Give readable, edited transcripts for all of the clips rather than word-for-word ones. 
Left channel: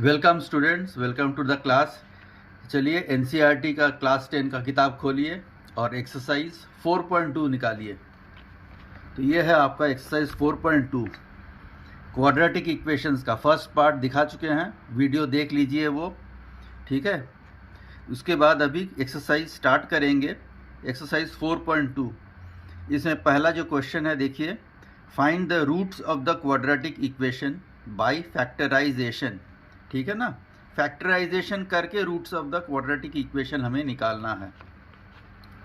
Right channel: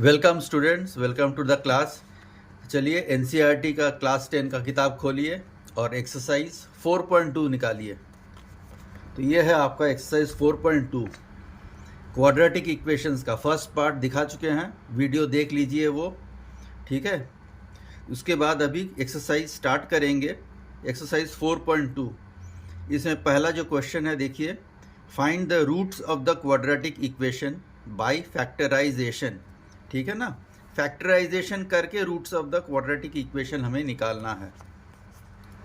Welcome students, welcome to the class. चलिए NCERT का class 10 का किताब खोलिए और एक्सरसाइज 4.2 निकालिए। तो ये है आपका एक्सरसाइज 4.2 क्वाड्रेटिक इक्वेशंस का फर्स्ट पार्ट दिखा चुके हैं, वीडियो देख लीजिए वो, ठीक है। उसके बाद अभी एक्सरसाइज स्टार्ट करेंगे। एक्सरसाइज 4.2 इसमें पहला जो क्वेश्चन है देखिए, find the roots of the quadratic equation by factorisation. ठीक है ना, फैक्टराइजेशन करके roots of the quadratic equation हमें निकालना है।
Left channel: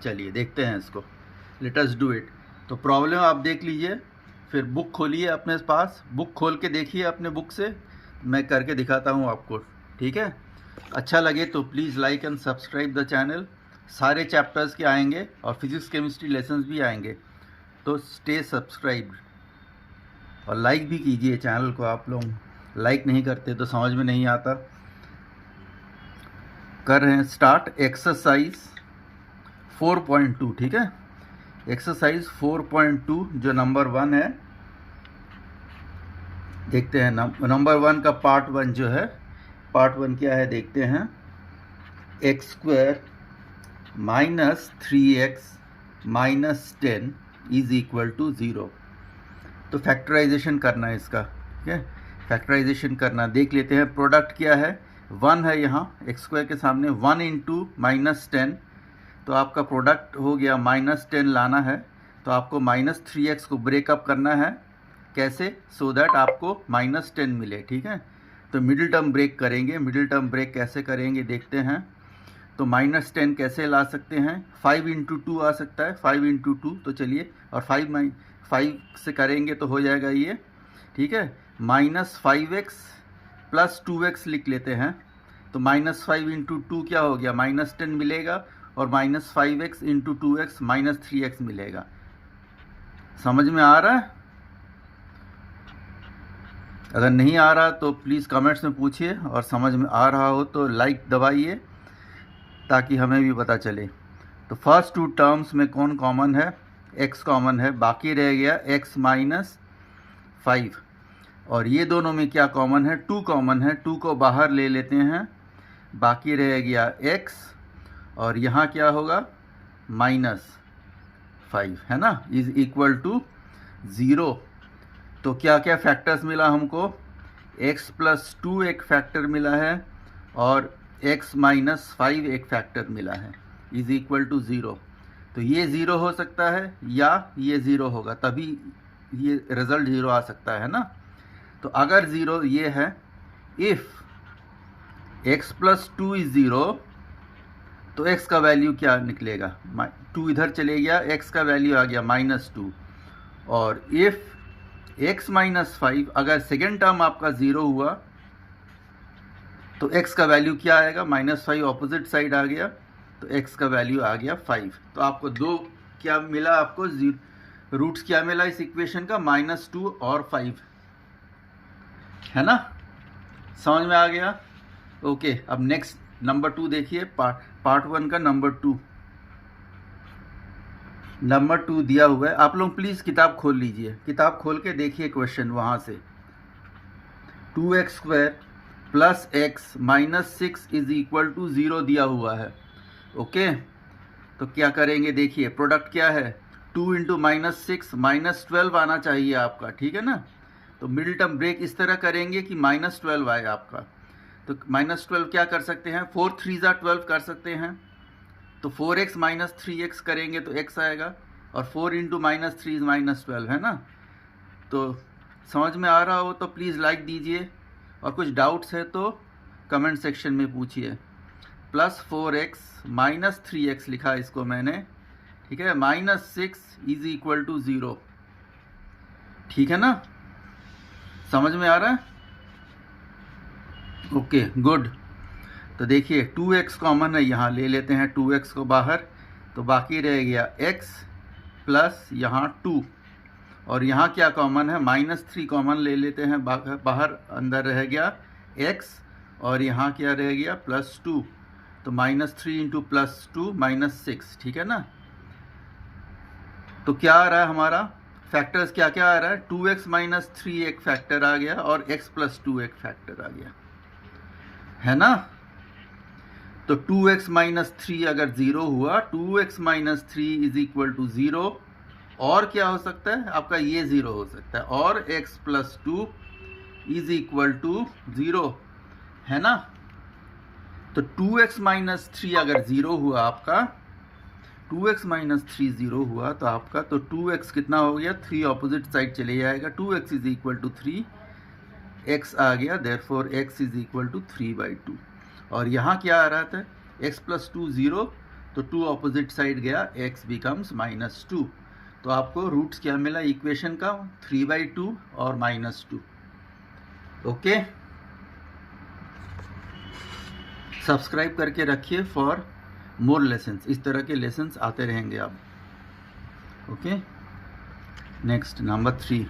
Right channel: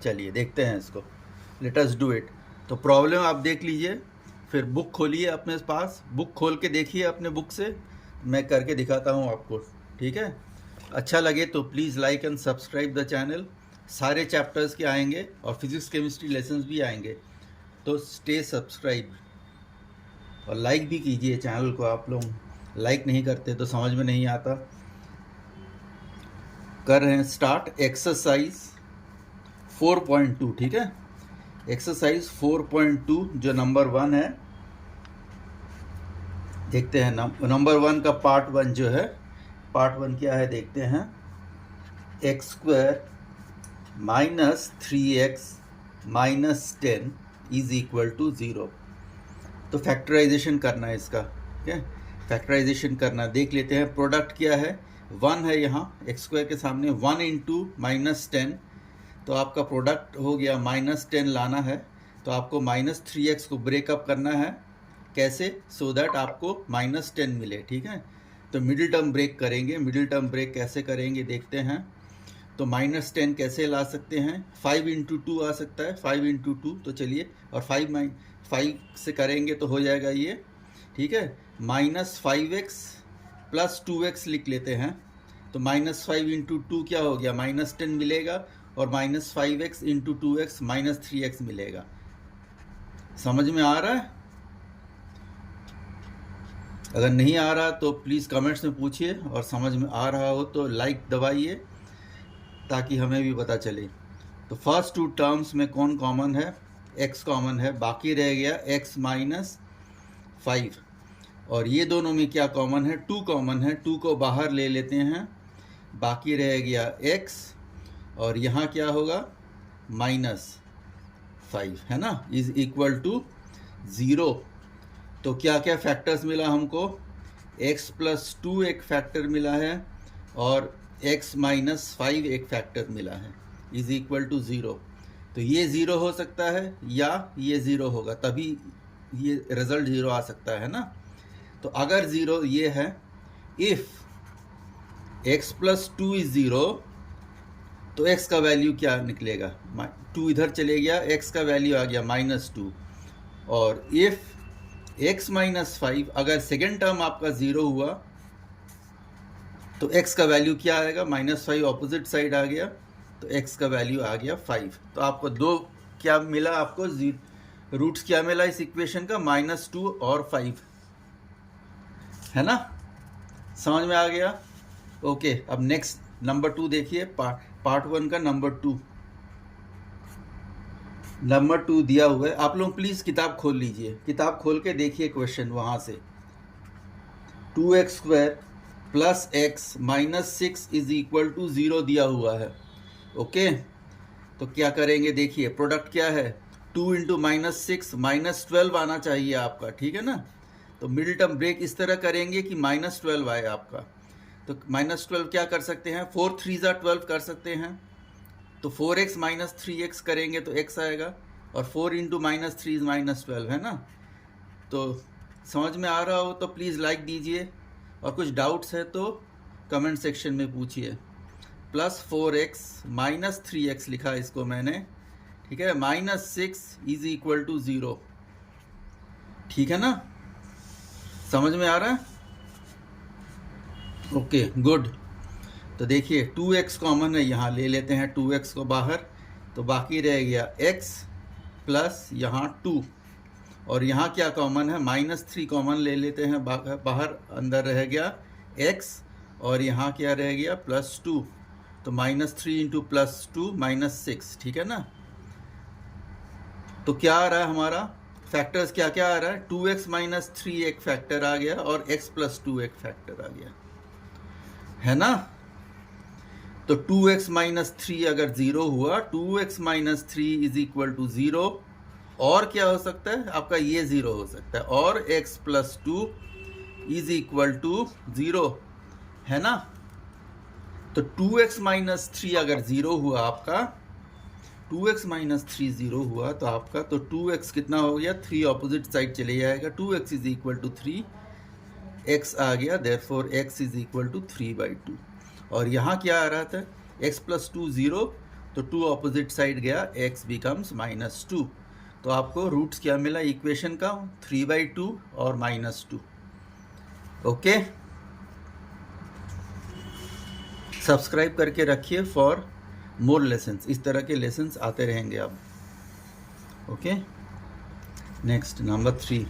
चलिए देखते हैं इसको, लेट अस डू इट। तो प्रॉब्लम आप देख लीजिए, फिर बुक खोलिए अपने पास, बुक खोल के देखिए अपने बुक से, मैं करके दिखाता हूँ आपको, ठीक है। अच्छा लगे तो please like and subscribe the channel. सारे चैप्टर्स के आएंगे और फिजिक्स केमिस्ट्री लेसन्स भी आएंगे, तो स्टे सब्सक्राइब और लाइक भी कीजिए चैनल को। आप लोग लाइक नहीं करते तो समझ में नहीं आता। कर रहे हैं स्टार्ट एक्सरसाइज 4.2, ठीक है। एक्सरसाइज 4.2 जो नंबर 1 है, देखते हैं नंबर 1 का पार्ट 1 जो है, पार्ट 1 क्या है देखते हैं। X square minus 3x minus 10 is equal to 0। तो फैक्टराइजेशन करना है इसका, ठीक है। फैक्टराइजेशन करना, देख लेते हैं प्रोडक्ट क्या है। 1 है यहाँ एक्स स्क्वायर के सामने, 1 इंटू माइनस 10, तो आपका प्रोडक्ट हो गया माइनस 10 लाना है। तो आपको माइनस 3x को ब्रेकअप करना है, कैसे, सो दैट आपको माइनस 10 मिले, ठीक है। तो मिडिल टर्म ब्रेक करेंगे। मिडिल टर्म ब्रेक कैसे करेंगे देखते हैं। तो माइनस 10 कैसे ला सकते हैं, 5 इंटू 2 आ सकता है, 5 इंटू 2। तो चलिए, और 5 से करेंगे तो हो जाएगा ये, ठीक है। माइनस 5x प्लस 2x लिख लेते हैं। तो माइनस 5 इंटू 2 क्या हो गया, माइनस 10 मिलेगा, और minus 5x into 2x minus 3x मिलेगा। समझ में आ रहा है? अगर नहीं आ रहा तो प्लीज़ कमेंट्स में पूछिए, और समझ में आ रहा हो तो लाइक दबाइए ताकि हमें भी पता चले। तो फर्स्ट 2 टर्म्स में कौन कॉमन है, x कॉमन है, बाकी रह गया x माइनस 5। और ये दोनों में क्या कॉमन है, 2 कॉमन है, 2 को बाहर ले लेते हैं, बाकी रह गया x, और यहाँ क्या होगा माइनस 5, है ना, इज इक्वल टू 0। तो क्या क्या फैक्टर्स मिला हमको, x प्लस 2 एक फैक्टर मिला है, और x माइनस 5 एक फैक्टर मिला है, इज इक्वल टू 0। तो ये 0 हो सकता है या ये 0 होगा, तभी ये रिजल्ट 0 आ सकता है ना। तो अगर 0 ये है, इफ x प्लस 2 इज 0, तो x का वैल्यू क्या निकलेगा, 2 इधर चले गया, x का वैल्यू आ गया माइनस 2। और इफ x माइनस 5, अगर सेकेंड टर्म आपका 0 हुआ तो x का वैल्यू क्या आएगा, माइनस 5 ऑपोजिट साइड आ गया, तो x का वैल्यू आ गया 5। तो आपको दो क्या मिला, आपको रूट्स क्या मिला इस इक्वेशन का, माइनस 2 और 5, है ना। समझ में आ गया? ओके, अब नेक्स्ट नंबर 2 देखिए, पार्ट 1 का नंबर 2 दिया हुआ है। आप लोग प्लीज़ किताब खोल लीजिए, किताब खोल के देखिए क्वेश्चन वहाँ से। 2x square plus x minus 6 is equal to 0 दिया हुआ है, ओके। तो क्या करेंगे देखिए, प्रोडक्ट क्या है, 2 इंटू माइनस 6 माइनस 12 आना चाहिए आपका, ठीक है ना। तो मिडिल टर्म ब्रेक इस तरह करेंगे कि माइनस 12 आए आपका। तो माइनस 12 क्या कर सकते हैं, 4 3 12 कर सकते हैं। तो 4x माइनस 3x करेंगे तो x आएगा, और 4 इंटू माइनस 3 माइनस 12, है ना। तो समझ में आ रहा हो तो प्लीज़ लाइक दीजिए, और कुछ डाउट्स है तो कमेंट सेक्शन में पूछिए। प्लस 4x माइनस 3x लिखा इसको मैंने, ठीक है, माइनस 6 इज इक्वल टू 0, ठीक है ना। समझ में आ रहा है? Okay good. तो देखिए 2x कॉमन है, यहाँ ले लेते हैं 2x को बाहर, तो बाकी रह गया x प्लस यहाँ 2, और यहाँ क्या कॉमन है, माइनस 3 कॉमन ले लेते हैं बाहर, अंदर रह गया x, और यहाँ क्या रह गया प्लस 2। तो माइनस 3 इंटू प्लस 2 माइनस 6, ठीक है ना। तो क्या आ रहा है हमारा, फैक्टर्स क्या क्या आ रहा है, 2x माइनस 3 एक फैक्टर आ गया, और x प्लस 2 एक फैक्टर आ गया। है ना। तो 2x माइनस 3 अगर 0 हुआ, 2x minus 3 is equal to 0, और क्या हो सकता है आपका, ये 0 हो सकता है, और x plus 2 is equal to 0, है ना। तो 2x माइनस 3 अगर 0 हुआ आपका, 2x माइनस 3 0 हुआ तो आपका, तो 2x कितना हो गया, 3 ऑपोजिट साइड चले जाएगा, 2x is equal to 3, x आ गया, therefore x is equal to 3/2। और यहाँ क्या आ रहा था, x प्लस 2 0, तो 2 ऑपोजिट साइड गया, x बिकम्स -2। तो आपको रूट्स क्या मिला इक्वेशन का, 3/2 और -2। ओके, सब्सक्राइब करके रखिए फॉर मोर लेसन्स, इस तरह के लेसन्स आते रहेंगे अब। Okay, next number 3।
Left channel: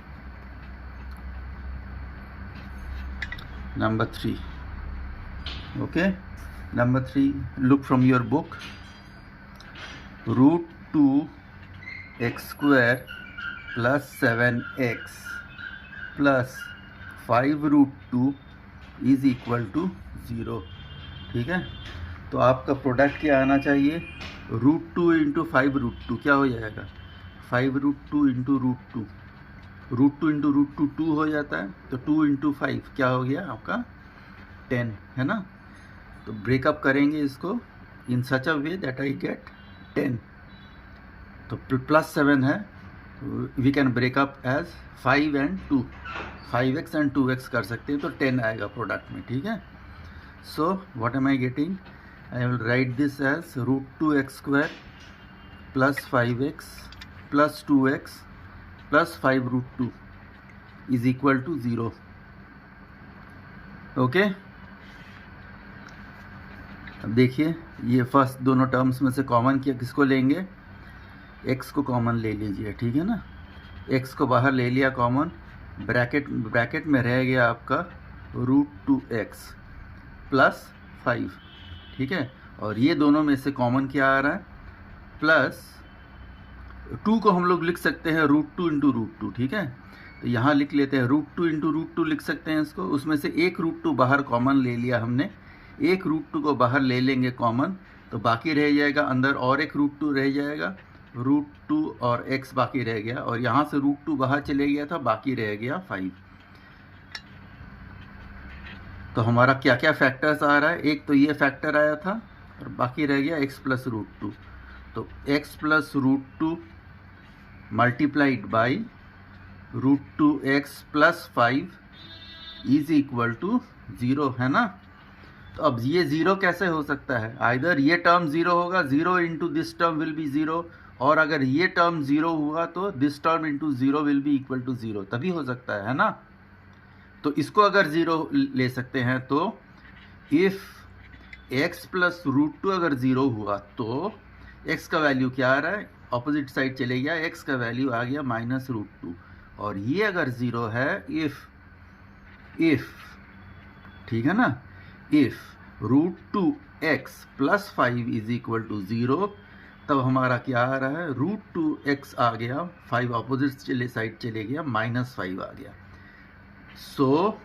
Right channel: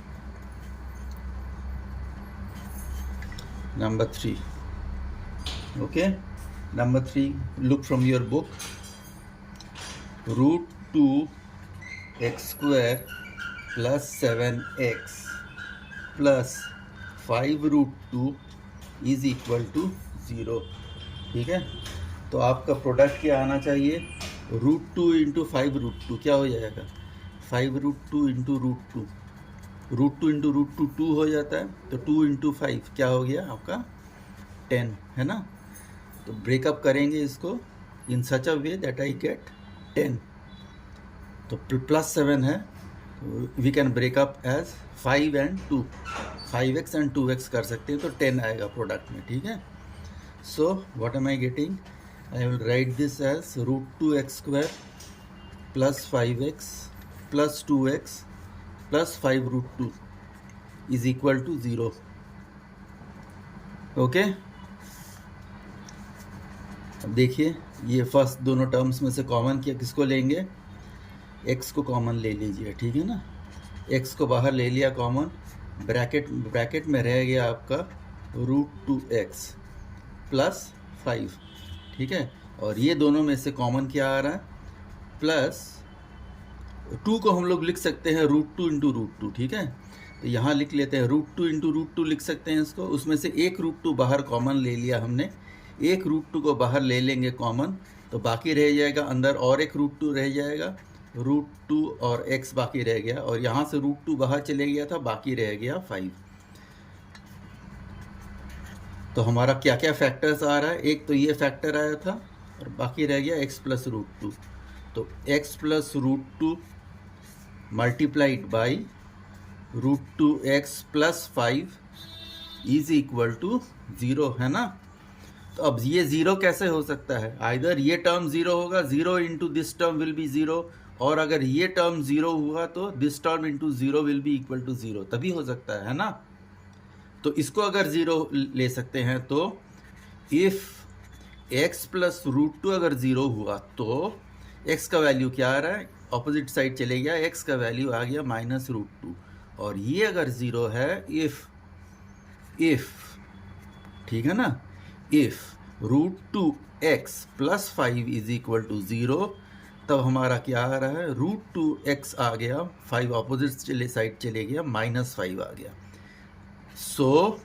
Okay, number 3, look from your book. Root 2x square plus 7x plus 5 root 2 is equal to 0। ठीक है, तो आपका प्रोडक्ट क्या आना चाहिए, √2 इंटू 5 √2 क्या हो जाएगा, 5 √2 इंटू √2, √2 इंटू √2 2 हो जाता है, तो 2 इंटू 5 क्या हो गया आपका 10, है ना। तो ब्रेकअप करेंगे इसको इन सच अ वे दैट आई गेट 10। तो प्लस 7 है, we can break up as 5 and 2, 5x and 2x कर सकते हैं, तो 10 आएगा प्रोडक्ट में। ठीक है, so what am I getting, I will write this as √2x square plus 5x plus 2x plus 5 √2 is equal to 0। Okay, अब देखिए, ये फर्स्ट दोनों टर्म्स में से कॉमन किया, किसको लेंगे, x को कॉमन ले लीजिए। ठीक है ना, x को बाहर ले लिया कॉमन, ब्रैकेट में रह गया आपका √2x प्लस 5। ठीक है, और ये दोनों में से कॉमन क्या आ रहा है, प्लस 2 को हम लोग लिख सकते हैं √2 इंटू √2। ठीक है, तो यहाँ लिख लेते हैं √2 इंटू √2 लिख सकते हैं इसको, उसमें से एक √2 बाहर कॉमन ले लिया हमने, एक √2 को बाहर ले लेंगे कॉमन, तो बाकी रह जाएगा अंदर और एक √2 रह जाएगा, √2 और x बाकी रह गया, और यहाँ से √2 बाहर चले गया था, बाकी रह गया 5। तो हमारा क्या क्या फैक्टर्स आ रहा है, एक तो ये फैक्टर आया था और बाकी रह गया x प्लस √2। तो x plus √2 multiplied by √2x plus 5 is equal to 0, है ना। तो अब ये 0 कैसे हो सकता है, आइदर ये टर्म 0 होगा, 0 into this term will be 0, और अगर ये टर्म 0 हुआ तो this term into 0 will be equal to 0, तभी हो सकता है ना। तो इसको अगर 0 ले सकते हैं, तो इफ x प्लस √2 अगर 0 हुआ तो x का वैल्यू क्या आ रहा है, ऑपोजिट साइड चले गया, x का वैल्यू आ गया -√2, और ये अगर 0 है, इफ ठीक है ना, if √2x plus 5 is equal to 0, तब हमारा क्या आ रहा है, √2x आ गया, 5 ऑपोजिट साइड चले गया, -5 आ गया। So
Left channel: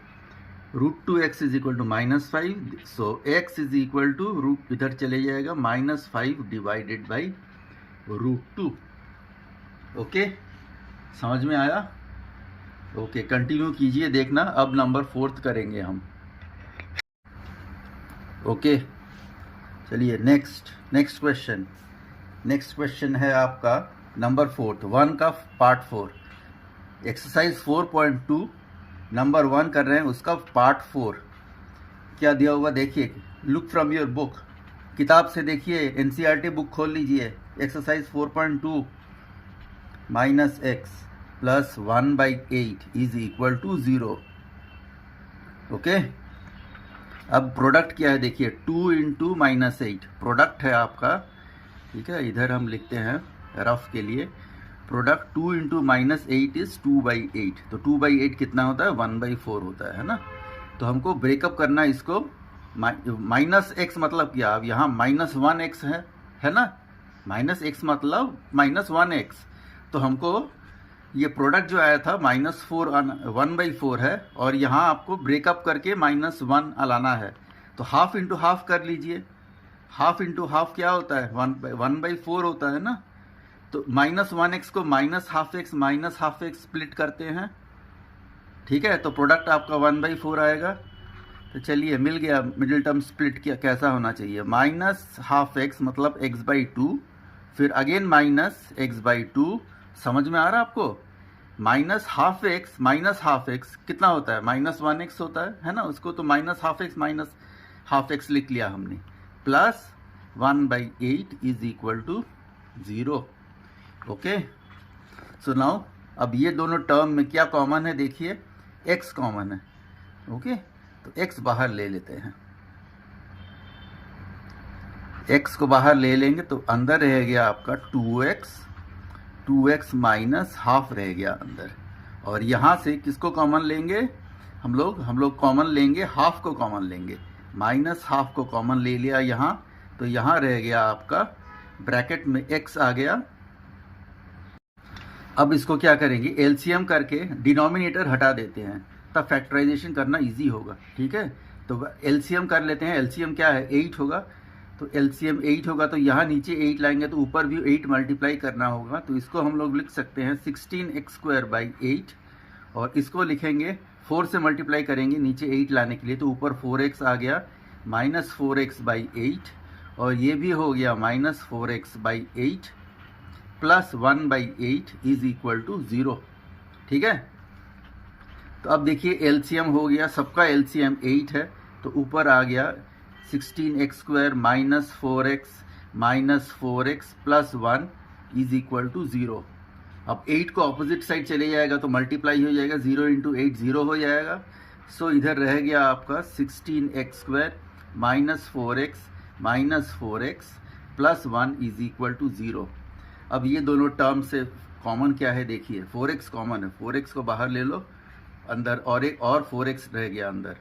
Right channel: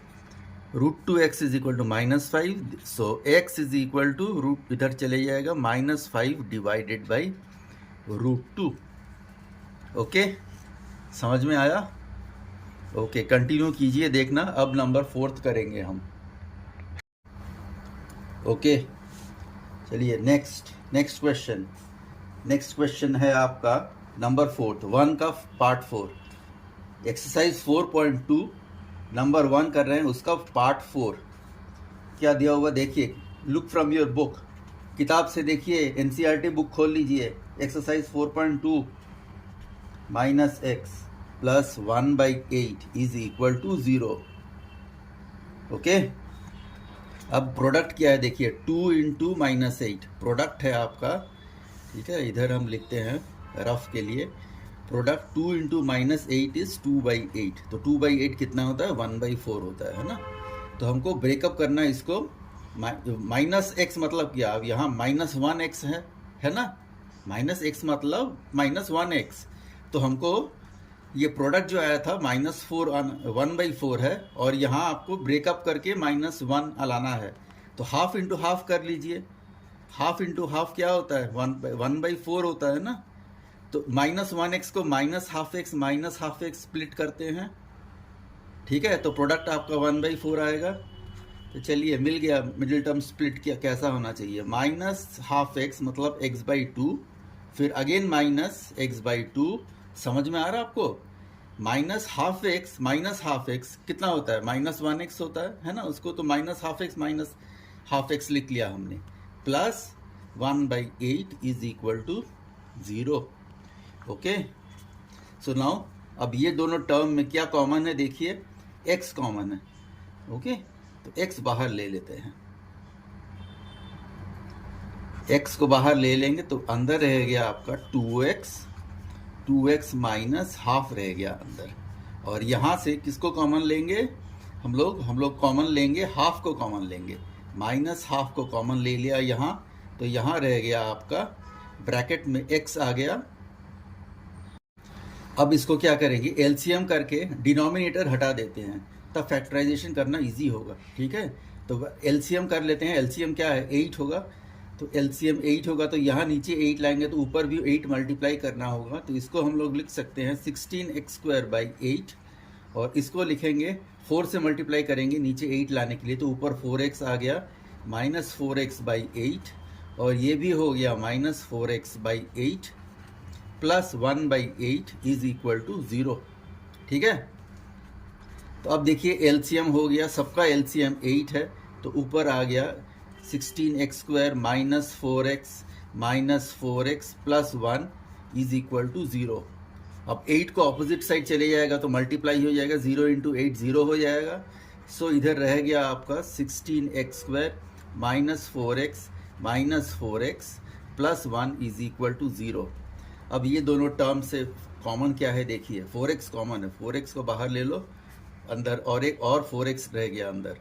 √2x is equal to -5, so x is equal to इधर चले जाएगा -5 डिवाइडेड बाई √2। ओके, समझ में आया। ओके, कंटिन्यू कीजिए, देखना अब नंबर 4 करेंगे हम। ओके, चलिए नेक्स्ट क्वेश्चन है आपका नंबर 4, 1 का पार्ट 4, एक्सरसाइज 4.2 नंबर 1 कर रहे हैं, उसका पार्ट 4 क्या दिया हुआ देखिए, लुक फ्रॉम योर बुक, किताब से देखिए, एनसीईआरटी बुक खोल लीजिए, exercise 4.2 -x plus 1/8 is equal to 0। Okay, अब प्रोडक्ट क्या है देखिए, 2 इंटू -8 प्रोडक्ट है आपका। ठीक है, इधर हम लिखते हैं रफ के लिए, प्रोडक्ट 2 इंटू -8 इज 2/8, तो 2/8 कितना होता है, 1/4 होता है ना। तो हमको ब्रेकअप करना है इसको, -x मतलब क्या, अब यहाँ -1x है ना, -x मतलब -1x, तो हमको ये प्रोडक्ट जो आया था -4 1/4 है, और यहाँ आपको ब्रेकअप करके -1 लाना है, तो हाफ इंटू हाफ कर लीजिए। हाफ इंटू हाफ क्या होता है? 1/4 होता है ना। तो -1x को -12x स्प्लिट करते हैं, ठीक है। तो प्रोडक्ट आपका 1/4 आएगा। तो चलिए मिल गया। मिडिल टर्म स्प्लिट क्या कैसा होना चाहिए? -12x मतलब x/2, फिर अगेन -x/2। समझ में आ रहा है आपको? -12x कितना होता है? -1x होता है ना। उसको तो -12x लिख लिया हमने, plus 1/8 is equal to 0। Okay, so now अब ये दोनों टर्म में क्या कॉमन है? देखिए x कॉमन है। ओके, तो x बाहर ले लेते हैं। x को बाहर ले लेंगे तो अंदर रह गया आपका 2x माइनस हाफ रह गया अंदर। और यहाँ से किसको कॉमन लेंगे? हम लोग कॉमन लेंगे, हाफ को कॉमन लेंगे। -12 को कॉमन ले लिया यहाँ, तो यहाँ रह गया आपका ब्रैकेट में x आ गया। अब इसको क्या करेंगे? एलसीएम करके डिनोमिनेटर हटा देते हैं, तब फैक्टराइजेशन करना इजी होगा, ठीक है। तो एलसीएम कर लेते हैं। एलसीएम क्या है? 8 होगा। तो एलसीएम 8 होगा, तो यहाँ नीचे 8 लाएंगे तो ऊपर भी 8 मल्टीप्लाई करना होगा। तो इसको हम लोग लिख सकते हैं 16x²/8, और इसको लिखेंगे 4 से मल्टीप्लाई करेंगे नीचे 8 लाने के लिए, तो ऊपर 4x आ गया -4x/8, और ये भी हो गया -4x/8 plus 1/8 is equal to 0, ठीक है। तो अब देखिए एलसीएम हो गया, सबका एलसीएम 8 है, तो ऊपर आ गया 16x² -4x plus 1 is equal to 0। अब 8 को अपोजिट साइड चले जाएगा तो मल्टीप्लाई हो जाएगा, 0 × 8 0 हो जाएगा। सो इधर रह गया आपका 16x² -4x plus 1 is equal to 0। अब ये दोनों टर्म से कॉमन क्या है? देखिए 4x कॉमन है, 4x को बाहर ले लो अंदर, और एक और 4x रह गया अंदर,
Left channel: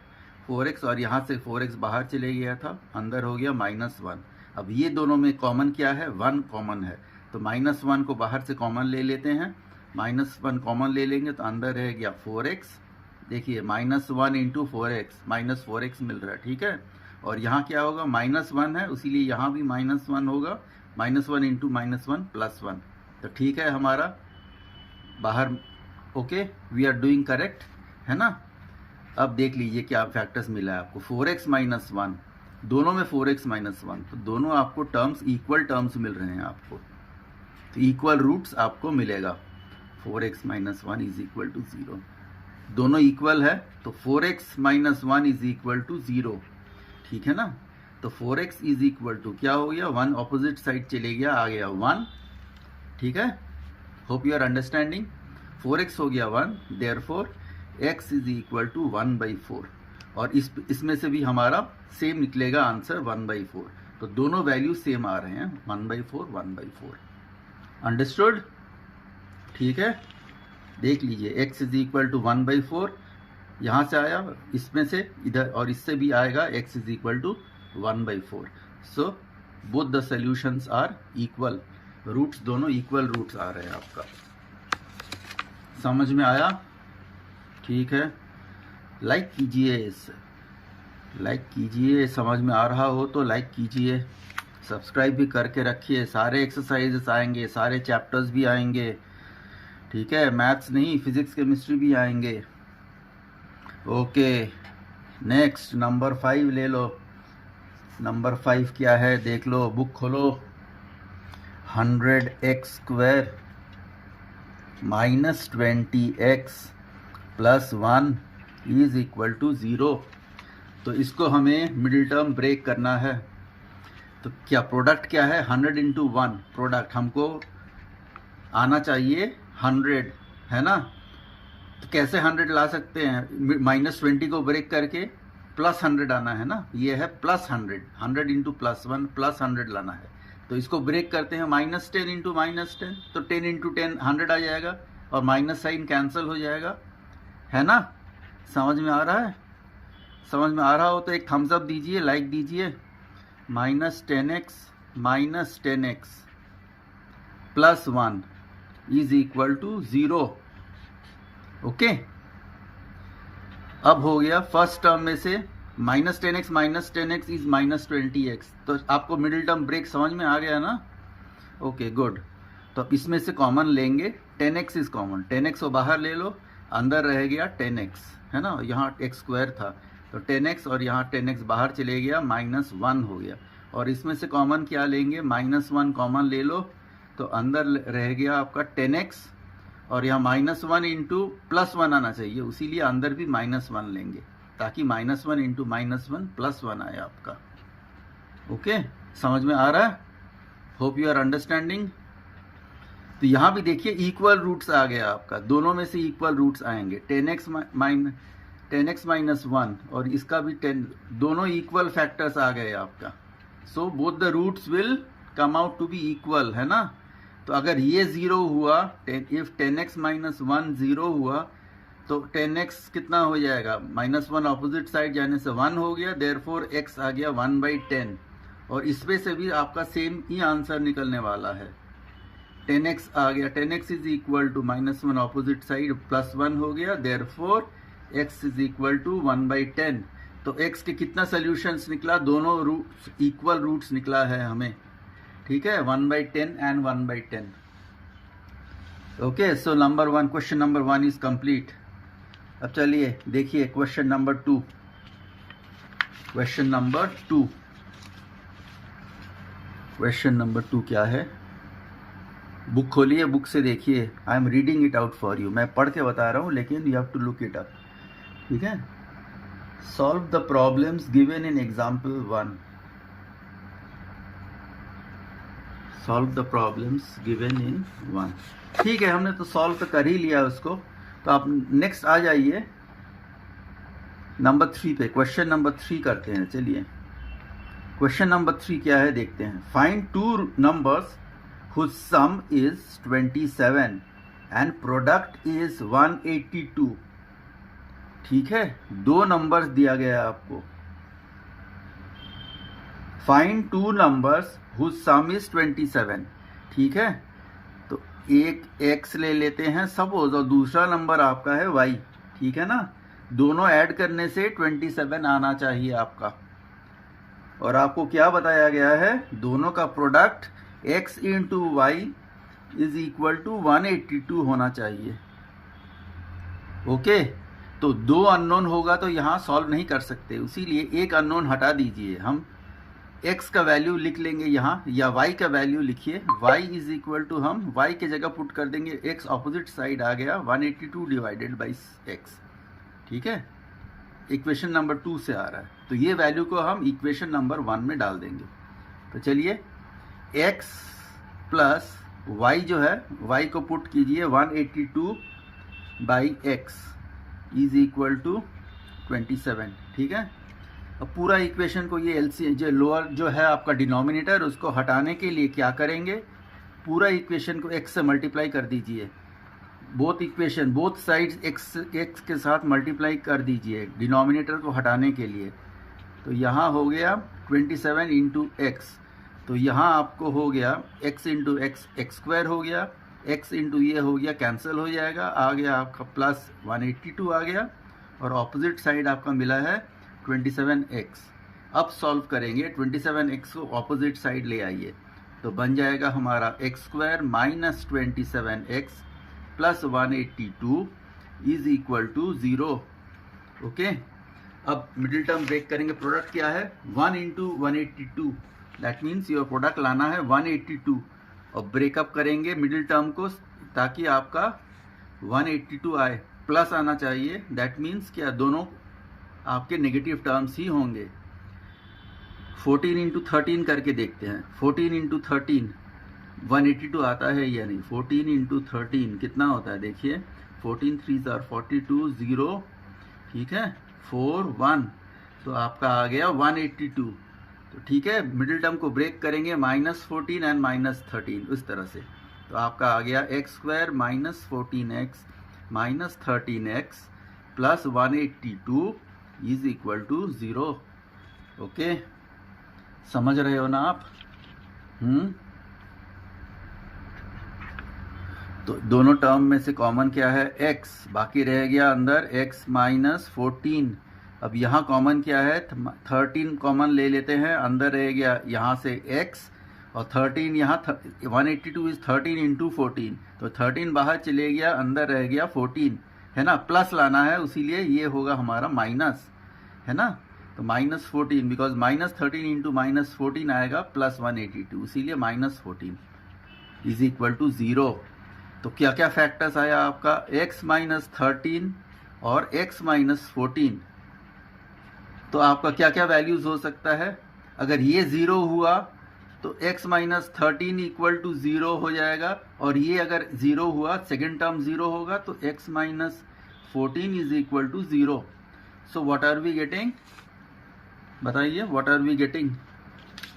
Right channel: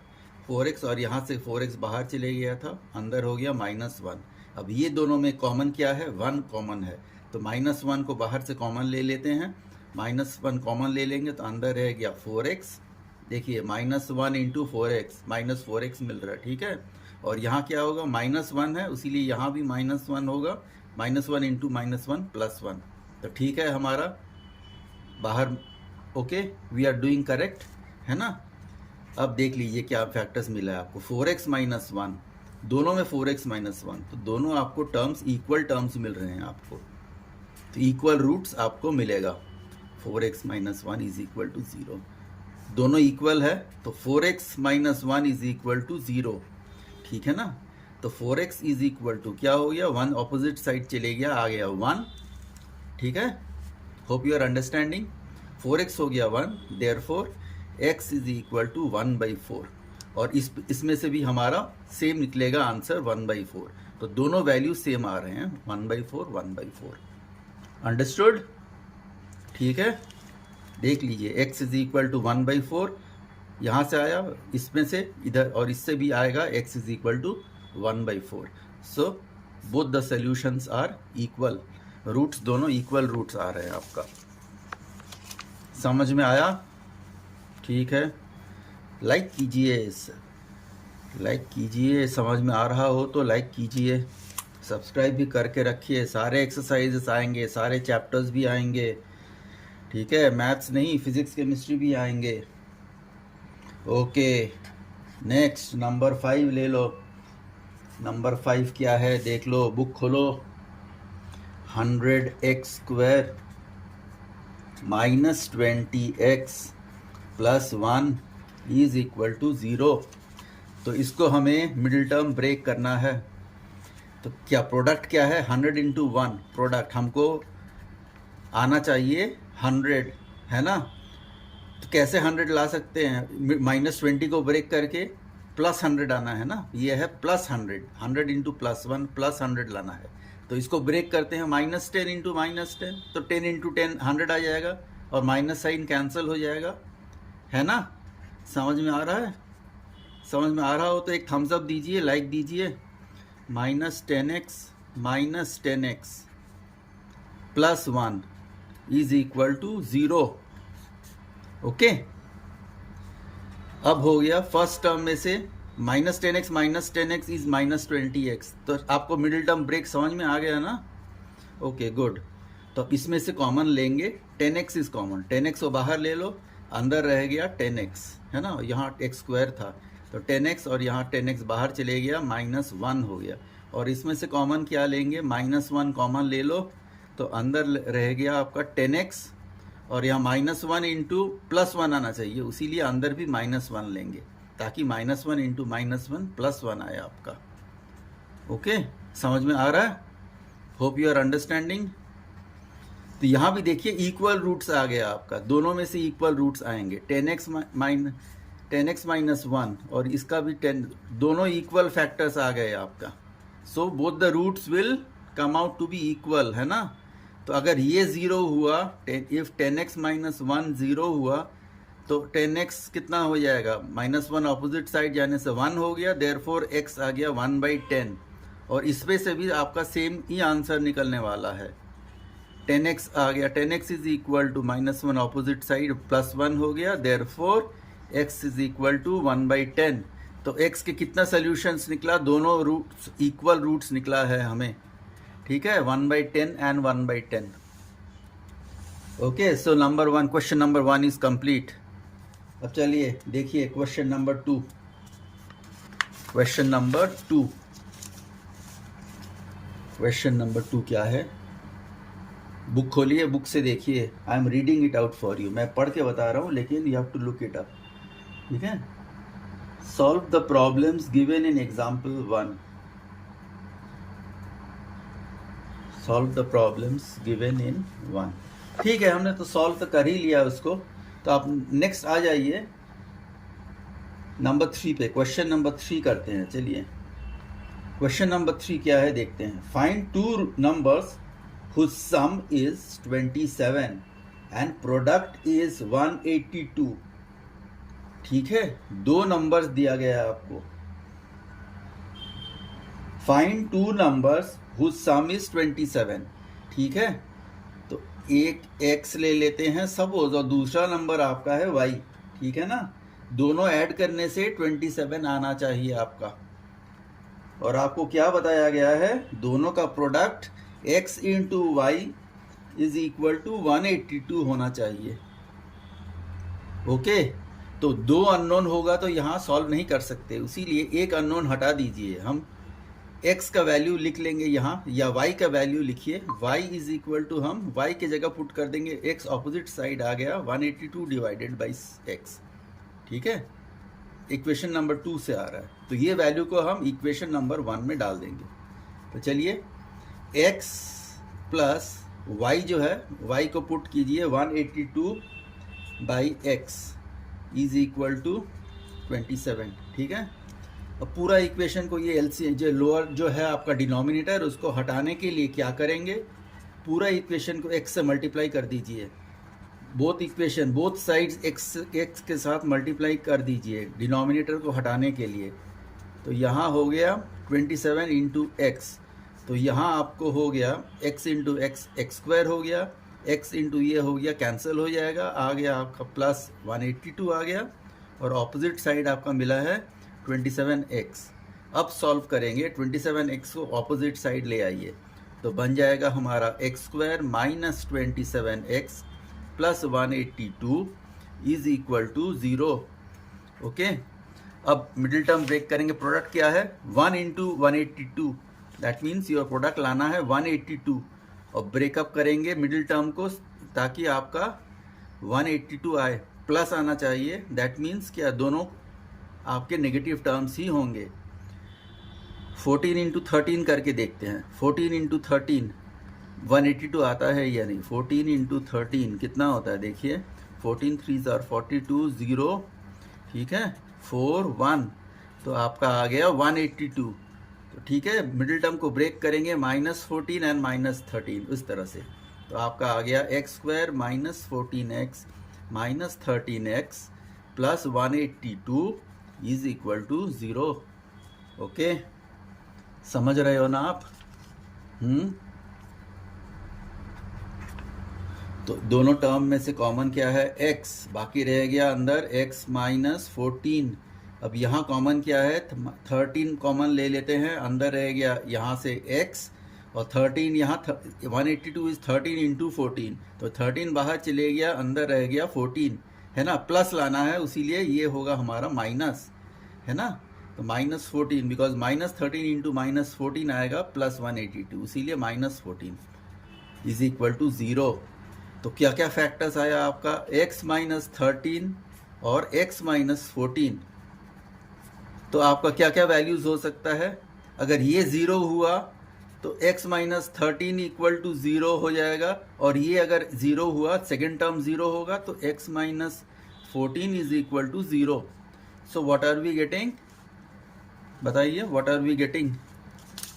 4x, और यहाँ से 4x बाहर चले गया था, अंदर हो गया -1। अब ये दोनों में कॉमन क्या है? 1 कॉमन है, तो -1 को बाहर से कॉमन ले लेते हैं। -1 कॉमन ले लेंगे तो अंदर रह गया 4x। देखिए -1 × 4x -4x मिल रहा है, ठीक है। और यहाँ क्या होगा? -1 है, इसीलिए यहाँ भी -1 होगा, -1 × -1 प्लस 1। तो ठीक है हमारा बाहर। Okay, we are doing correct, है ना। अब देख लीजिए क्या फैक्टर्स मिला है आपको। 4x - 1, दोनों में 4x - 1, तो दोनों आपको टर्म्स इक्वल टर्म्स मिल रहे हैं आपको, तो इक्वल रूट्स आपको मिलेगा। 4x - 1 इज इक्वल टू 0, दोनों इक्वल है, तो 4x - 1 इज इक्वल टू 0, ठीक है ना। तो 4x इज इक्वल टू क्या हो गया? 1 ऑपोजिट साइड चले गया, आ गया 1, ठीक है। Hope you are understanding. 4x हो गया 1, therefore x is equal to 1/4, और इसमें से भी हमारा सेम निकलेगा आंसर 1/4। तो दोनों वैल्यू सेम आ रहे हैं, 1/4। अंडरस्टूड? ठीक है, देख लीजिए x इज इक्वल टू 1/4 यहाँ से आया, इसमें से इधर, और इससे भी आएगा x is equal to 1/4। So both the solutions are equal, roots दोनों इक्वल रूट्स आ रहे हैं आपका। समझ में आया? ठीक है, लाइक कीजिए, समझ में आ रहा हो तो लाइक कीजिए, सब्सक्राइब भी करके रखिए। सारे एक्सरसाइजेस आएंगे, सारे चैप्टर्स भी आएंगे, ठीक है। मैथ्स नहीं, फिजिक्स केमिस्ट्री भी आएंगे। ओके, नेक्स्ट नंबर 5 ले लो। नंबर 5 क्या है? देख लो, बुक खोलो। 100x² -20x plus 1 is equal to 0। तो इसको हमें मिडिल टर्म ब्रेक करना है। तो क्या प्रोडक्ट क्या है? 100 × 1 प्रोडक्ट हमको आना चाहिए 100, है ना। तो कैसे 100 ला सकते हैं? -20 को ब्रेक करके प्लस 100 आना है ना, ये है प्लस 100, 100 × +1 प्लस 100 लाना है। तो इसको ब्रेक करते हैं -10 × -10, तो 10 × 10 100 आ जाएगा, और माइनस साइन कैंसिल हो जाएगा, है ना। समझ में आ रहा है? समझ में आ रहा हो तो एक थम्स अप दीजिए, लाइक दीजिए। -10x plus 1 is equal to 0। Okay, अब हो गया फर्स्ट टर्म में से -10x इज -20x। तो आपको मिडिल टर्म ब्रेक समझ में आ गया ना? Okay good. तो अब इसमें से कॉमन लेंगे, 10x इज कॉमन, 10x को बाहर ले लो, अंदर रह गया 10x, है ना, यहाँ x² था तो 10x और यहाँ 10x बाहर चले गया, -1 हो गया। और इसमें से कॉमन क्या लेंगे, -1 कॉमन ले लो तो अंदर रह गया आपका 10x और यहाँ -1 इंटू +1 आना चाहिए, इसीलिए अंदर भी -1 लेंगे ताकि -1 इंटू -1 +1 आए आपका। ओके, समझ में आ रहा है? Hope you are understanding. तो यहाँ भी देखिए इक्वल रूट्स आ गया आपका, दोनों में से इक्वल रूट्स आएंगे, 10x -1 और इसका भी 10, दोनों इक्वल फैक्टर्स आ गए आपका। So both the roots will come out to be equal, है ना। तो अगर ये 0 हुआ, इफ 10x -1 0 हुआ तो 10x कितना हो जाएगा, -1 ऑपोजिट साइड जाने से 1 हो गया, देयरफॉर x आ गया 1/10। और इसमें से भी आपका सेम ही आंसर निकलने वाला है, 10x आ गया, 10x is equal to -1 opposite side +1 हो गया, therefore x is equal to 1/10। तो x के कितना सोल्यूशंस निकला, दोनों रूट्स इक्वल रूट्स निकला है हमें, ठीक है, 1/10 and 1/10। Okay, so number 1, question number 1 is complete. अब चलिए देखिए क्वेश्चन नंबर 2। क्वेश्चन नंबर 2 क्या है, बुक खोलिए, बुक से देखिए, I am reading it out for you, मैं पढ़ के बता रहा हूँ लेकिन you have to look it up, ठीक है। Solve the problems given in example 1। Solve the problems given in 1, ठीक है, हमने तो सॉल्व तो कर ही लिया उसको। तो आप नेक्स्ट आ जाइए नंबर 3 पे, क्वेश्चन नंबर 3 करते हैं। चलिए क्वेश्चन नंबर 3 क्या है देखते हैं। Find 2 numbers whose sum is 27 and product is 182। ठीक है, 2 नंबर्स दिया गया है आपको। Find 2 numbers whose sum is 27, ठीक है। तो एक x ले लेते हैं सपोज और दूसरा नंबर आपका है y, ठीक है ना। दोनों ऐड करने से 27 आना चाहिए आपका। और आपको क्या बताया गया है, दोनों का product x into y is equal to 182 होना चाहिए। ओके, तो 2 अननोन होगा तो यहाँ सॉल्व नहीं कर सकते, इसीलिए एक अननोन हटा दीजिए। हम x का वैल्यू लिख लेंगे यहाँ, या y का वैल्यू लिखिए, y इज इक्वल टू, हम y के जगह पुट कर देंगे, x ऑपोजिट साइड आ गया 182 डिवाइडेड बाई x, ठीक है। इक्वेशन नंबर 2 से आ रहा है, तो ये वैल्यू को हम इक्वेशन नंबर 1 में डाल देंगे। तो चलिए x प्लस y जो है, y को पुट कीजिए 182 by x is equal to 27, ठीक है। अब पूरा इक्वेशन को ये एलसीएम जो लोअर जो है आपका डिनोमिनेटर, उसको हटाने के लिए क्या करेंगे, पूरा इक्वेशन को x से मल्टीप्लाई कर दीजिए। Both equation, both sides x के साथ मल्टीप्लाई कर दीजिए डिनोमिनेटर को हटाने के लिए। तो यहाँ हो गया 27 इंटू एक्स, तो यहाँ आपको हो गया x इंटू x² हो गया, x इंटू ये हो गया, कैंसिल हो जाएगा, आ गया आपका प्लस 182 आ गया, और ऑपोजिट साइड आपका मिला है 27x। अब सॉल्व करेंगे, 27x को ऑपोजिट साइड ले आइए, तो बन जाएगा हमारा x² minus 27x plus 182 is equal to 0। Okay, अब मिडिल टर्म ब्रेक करेंगे, प्रोडक्ट क्या है 1 into 182, that means your product लाना है 182, और ब्रेकअप करेंगे मिडिल टर्म को ताकि आपका 182 आए, प्लस आना चाहिए, दैट मीन्स क्या, दोनों आपके नेगेटिव टर्म्स ही होंगे। 14 इंटू 13 करके देखते हैं, 14 इंटू 13 182 आता है या नहीं, 14 इंटू 13 कितना होता है देखिए, 14 3 आर 42 0, ठीक है, 4 1, तो आपका आ गया 182। तो ठीक है, मिडिल टर्म को ब्रेक करेंगे, -14 एंड -13 उस तरह से, तो आपका आ गया x² minus 14x minus 13x plus 182 is equal to 0। Okay, समझ रहे हो ना आप? तो दोनों टर्म में से कॉमन क्या है, x, बाकी रह गया अंदर x माइनस 14 अब यहाँ कॉमन क्या है, 13 कॉमन ले लेते हैं, अंदर रह गया यहाँ से x, और 13 यहाँ 182 इज 13 इंटू 14, तो 13 बाहर चले गया, अंदर रह गया 14, है ना, प्लस लाना है, इसीलिए ये होगा हमारा माइनस, है ना, तो -14, बिकॉज -13 इंटू -14 आएगा प्लस 182, इसीलिए -14 इज इक्वल टू 0। तो क्या क्या फैक्टर्स आया आपका, x -13 और x -14, तो आपका क्या क्या वैल्यूज हो सकता है। अगर ये 0 हुआ तो x -13 इक्वल टू 0 हो जाएगा, और ये अगर 0 हुआ, सेकेंड टर्म 0 होगा, तो x -14 is equal to 0। So what are we getting, बताइए, what are we getting,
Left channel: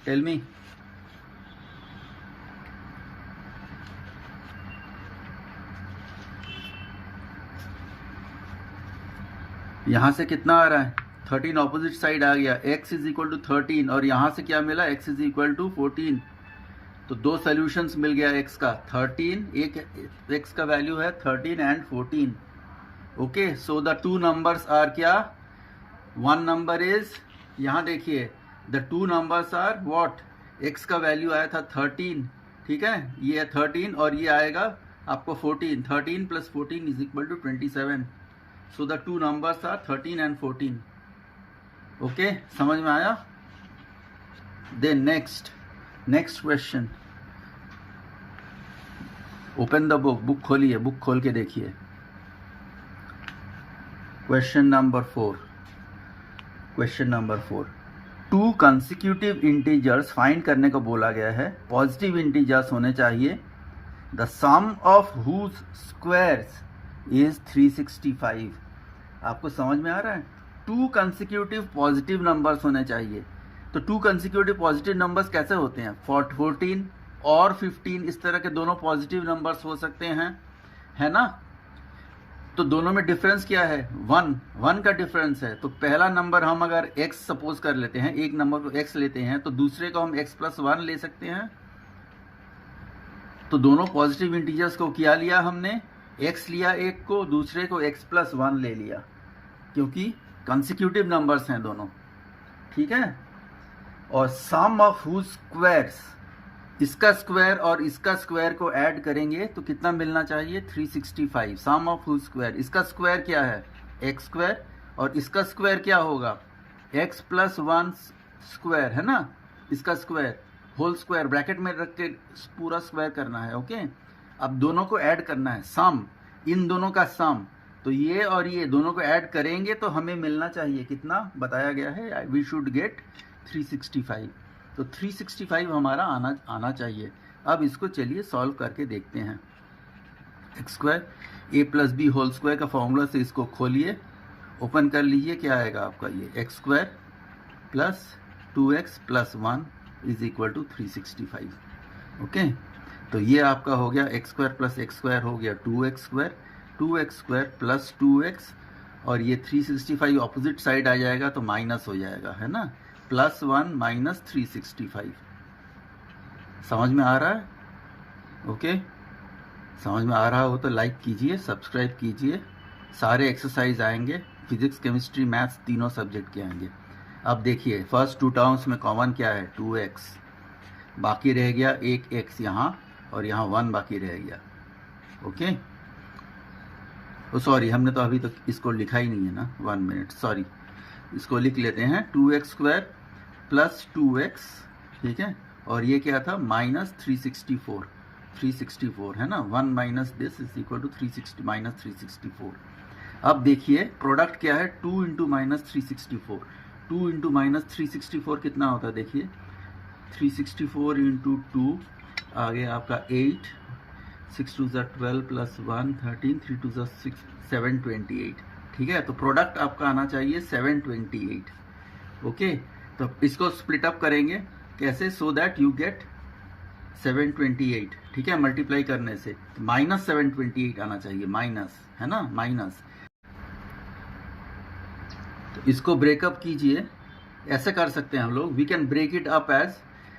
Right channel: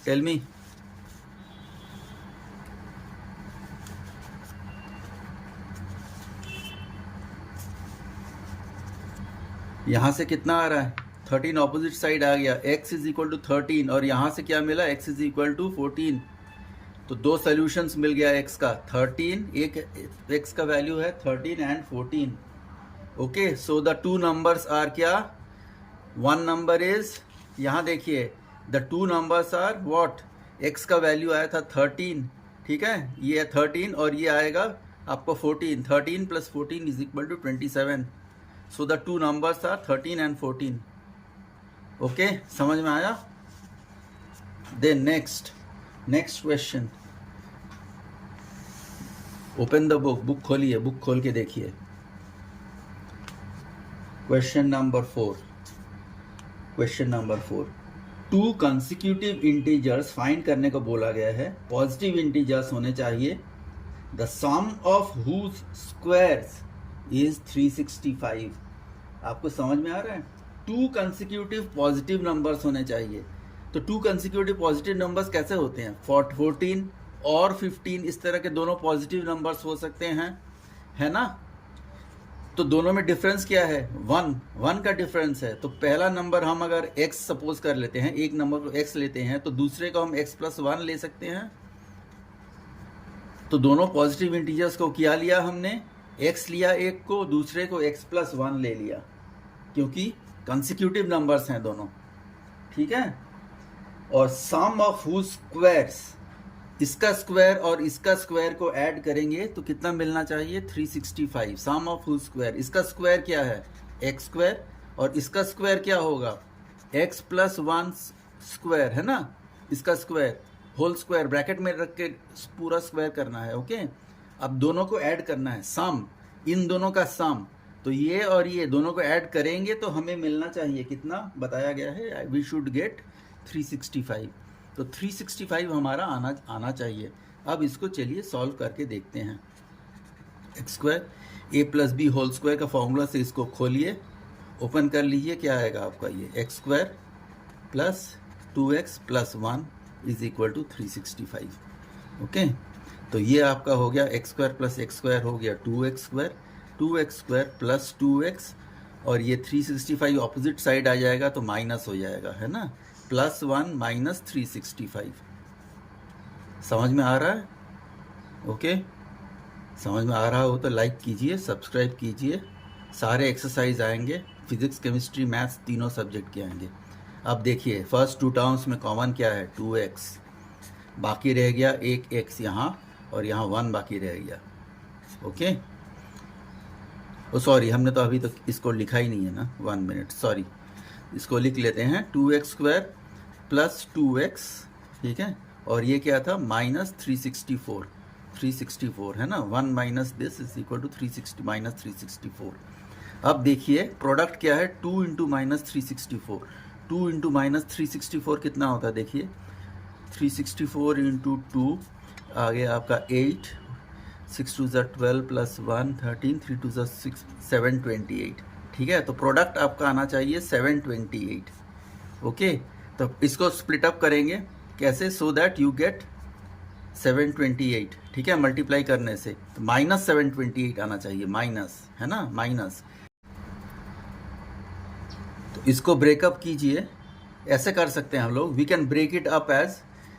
tell me. यहां से कितना आ रहा है, 13 ऑपोजिट साइड आ गया, x इज इक्वल टू 13, और यहां से क्या मिला, x इज इक्वल टू 14, तो दो सोल्यूशंस मिल गया x का, 13, एक x का वैल्यू है 13 and 14। Okay, so the two numbers are क्या, वन नंबर इज, यहां देखिए, the two numbers are what, x का वैल्यू आया था 13, ठीक है, ये है 13, और ये आएगा आपको 14, 13 plus 14 is equal to 27। So the two numbers are 13 and 14। Okay, समझ में आया। Then next question, open the book खोलिए, बुक खोल के देखिए। Question number 4, two consecutive integers find करने को बोला गया है, पॉजिटिव इंटीजर्स होने चाहिए, the sum of whose squares is 365। आपको समझ में आ रहा है, टू कंसेक्यूटिव पॉजिटिव नंबर्स होने चाहिए। तो टू कंसेक्यूटिव पॉजिटिव नंबर्स कैसे होते हैं, 14 और 15, इस तरह के दोनों पॉजिटिव नंबर्स हो सकते हैं, है ना। तो दोनों में डिफरेंस क्या है, 1 का डिफरेंस है। तो पहला नंबर हम अगर x सपोज कर लेते हैं, एक नंबर को x लेते हैं, तो दूसरे को हम x + 1 ले सकते हैं। तो दोनों पॉजिटिव इंटीजर्स को क्या लिया हमने, x लिया एक को, दूसरे को x + 1 ले लिया, क्योंकि कंसेक्यूटिव नंबर्स हैं दोनों, ठीक है। और सम ऑफ हुज स्क्वायर्स, इसका स्क्वायर और इसका स्क्वायर को ऐड करेंगे तो कितना मिलना चाहिए, 365। सम ऑफ हुज स्क्वायर, इसका स्क्वायर क्या है, x स्क्वायर, और इसका स्क्वायर क्या होगा, x + 1 स्क्वायर, है ना, इसका स्क्वायर होल स्क्वायर ब्रैकेट में रख के पूरा स्क्वायर करना है। ओके, अब दोनों को ऐड करना है, सम, इन दोनों का सम, तो ये और ये दोनों को ऐड करेंगे तो हमें मिलना चाहिए कितना, बताया गया है वी शुड गेट 365। तो 365 हमारा आना चाहिए। अब इसको चलिए सॉल्व करके देखते हैं। x² a + b whole square का फॉर्मूला से इसको खोलिए, ओपन कर लीजिए, क्या आएगा आपका, ये x² + 2x + 1 is equal to 365। Okay, तो ये आपका हो गया x² + x² हो गया 2x² + 2x, और ये 365 ऑपोजिट साइड आ जाएगा तो माइनस हो जाएगा, है ना, +1 - 365। समझ में आ रहा है। ओके, समझ में आ रहा हो तो लाइक कीजिए, सब्सक्राइब कीजिए। सारे एक्सरसाइज आएंगे, फिजिक्स केमिस्ट्री मैथ्स तीनों सब्जेक्ट के आएंगे। अब देखिए, फर्स्ट टू टर्म्स में कॉमन क्या है, 2x, बाकी रह गया एक x यहाँ, और यहाँ 1 बाकी रह गया। ओके, ओ सॉरी, हमने तो अभी तक इसको लिखा ही नहीं है ना, 1 मिनट, सॉरी, इसको लिख लेते हैं, 2x² + 2x, ठीक है, और ये क्या था, -364 है ना, 1 - दिस इज इक्वल टू 360 - 364। अब देखिए प्रोडक्ट क्या है, 2 × -364, 2 × -364 कितना होता है, देखिए 364 × 2 आ गया आपका 8, 6 2 12 + 1 13, 3 2 6 728, ठीक है। तो प्रोडक्ट आपका आना चाहिए 728। ओके, तो इसको स्प्लिट अप करेंगे कैसे, सो दैट यू गेट 728, ठीक है, मल्टीप्लाई करने से तो -728 आना चाहिए, माइनस, है ना, माइनस। तो इसको ब्रेकअप कीजिए, ऐसे कर सकते हैं हम लोग, we can break it up as,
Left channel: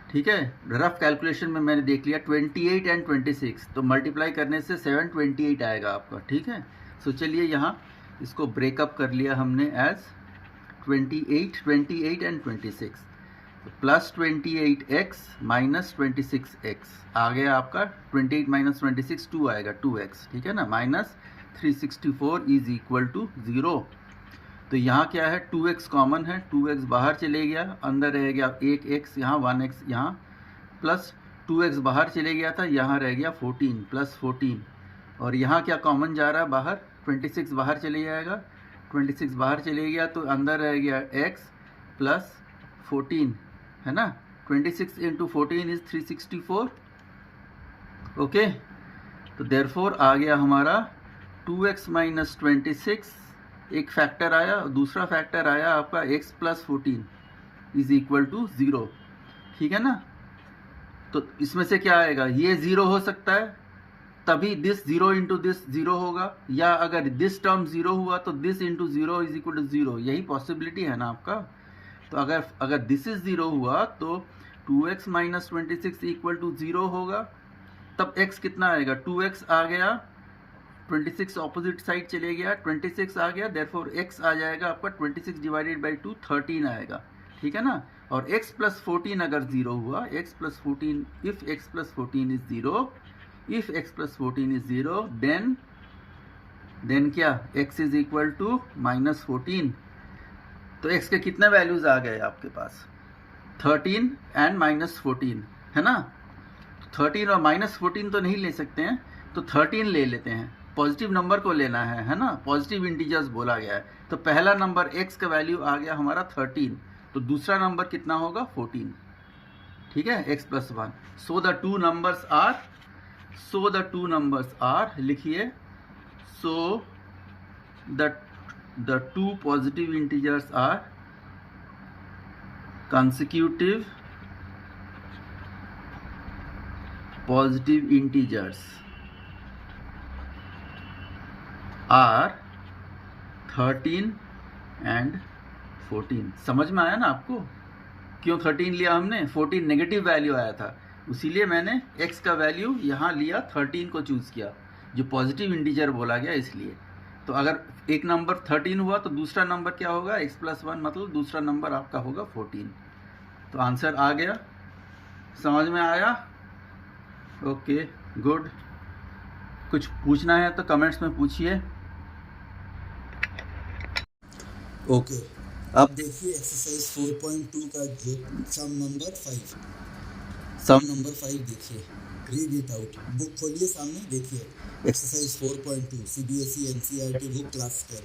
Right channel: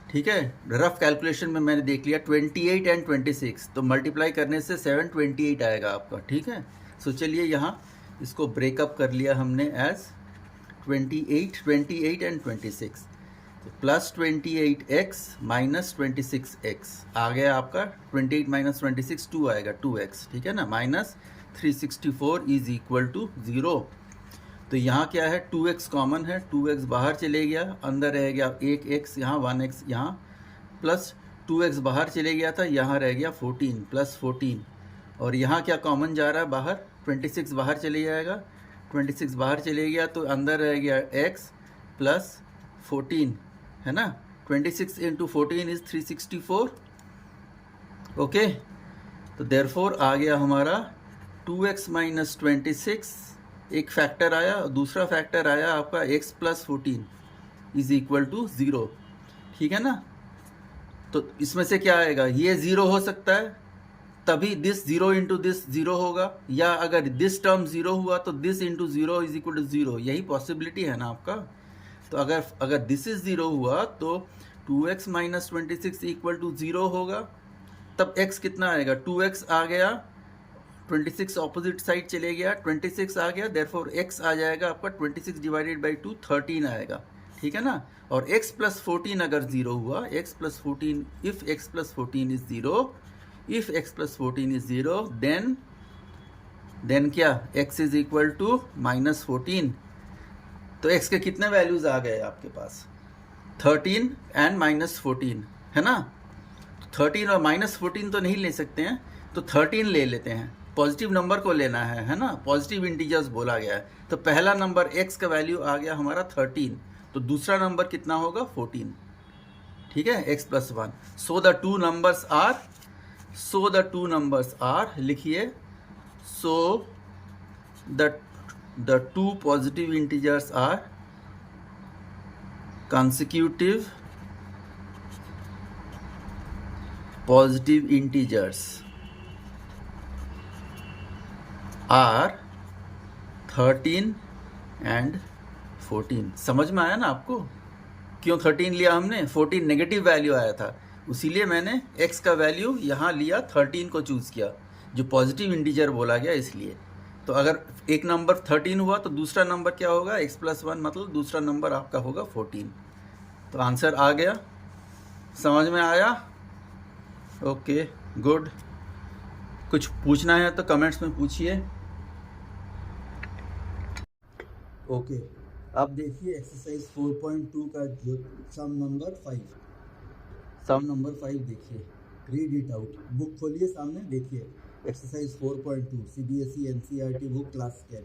ठीक है, रफ कैलकुलेशन में मैंने देख लिया 28 एंड 26, तो मल्टीप्लाई करने से 728 आएगा आपका, ठीक है। सो चलिए यहाँ इसको ब्रेकअप कर लिया हमने एज 28 एंड 26, तो प्लस 28x माइनस 26x आ गया आपका। 28 माइनस 26 2 आएगा, 2x, ठीक है ना। Minus 364 is equal to 0। तो यहाँ क्या है, 2x कॉमन है, 2x बाहर चले गया, अंदर रह गया 1x यहाँ, 1x यहाँ, प्लस 2x बाहर चले गया था, यहाँ रह गया 14 प्लस 14। और यहाँ क्या कॉमन जा रहा है बाहर, 26 बाहर चले जाएगा, 26 बाहर चले गया तो अंदर रह गया x प्लस 14, है ना। 26 इंटू 14 इज 364। ओके, तो देयरफॉर आ गया हमारा 2x माइनस 26, एक फैक्टर आया, और दूसरा फैक्टर आया आपका x plus 14 is equal to 0, ठीक है ना। तो इसमें से क्या आएगा, ये 0 हो सकता है, तभी दिस 0 इंटू दिस 0 होगा, या अगर दिस टर्म 0 हुआ तो this into 0 is equal to 0, यही पॉसिबिलिटी है ना आपका। तो अगर दिस इज 0 हुआ तो 2x माइनस 26 इक्वल टू 0 होगा, तब x कितना आएगा, 2x आ गया, 26 ऑपोजिट साइड चले गया, 26 आ गया, देयरफॉर x आ जाएगा आपका 26 डिवाइडेड बाई 2 13 आएगा, ठीक है ना। और x प्लस 14 अगर 0 हुआ, x plus 14, if x plus 14 is 0, if x plus 14 is 0, then क्या, x is equal to minus 14। तो x के कितने वैल्यूज आ गए आपके पास, 13 एंड माइनस 14, है ना। 13 और माइनस 14 तो नहीं ले सकते हैं, तो 13 ले लेते हैं, पॉजिटिव नंबर को लेना है ना, पॉजिटिव इंटीजर्स बोला गया है। तो पहला नंबर x का वैल्यू आ गया हमारा 13, तो दूसरा नंबर कितना होगा 14, ठीक है, x plus 1। So the two numbers are, लिखिए, so the two positive integers are consecutive positive integers are 13 and 14। समझ में आया ना आपको, क्यों 13 लिया हमने, 14 नेगेटिव वैल्यू आया था, इसीलिए मैंने x का वैल्यू यहाँ लिया, 13 को चूज़ किया, जो पॉजिटिव इंटीजर बोला गया इसलिए। तो अगर एक नंबर 13 हुआ तो दूसरा नंबर क्या होगा, x प्लस 1, मतलब दूसरा नंबर आपका होगा 14। तो आंसर आ गया, समझ में आया। Okay, good. कुछ पूछना है तो कमेंट्स में पूछिए। ओके, अब देखिए एक्सरसाइज 4.2 का जो सम नंबर 5 देखिए, रीड इट आउट। बुक खोलिए सामने, देखिए exercise 4.2 CBSE NCERT book class 10।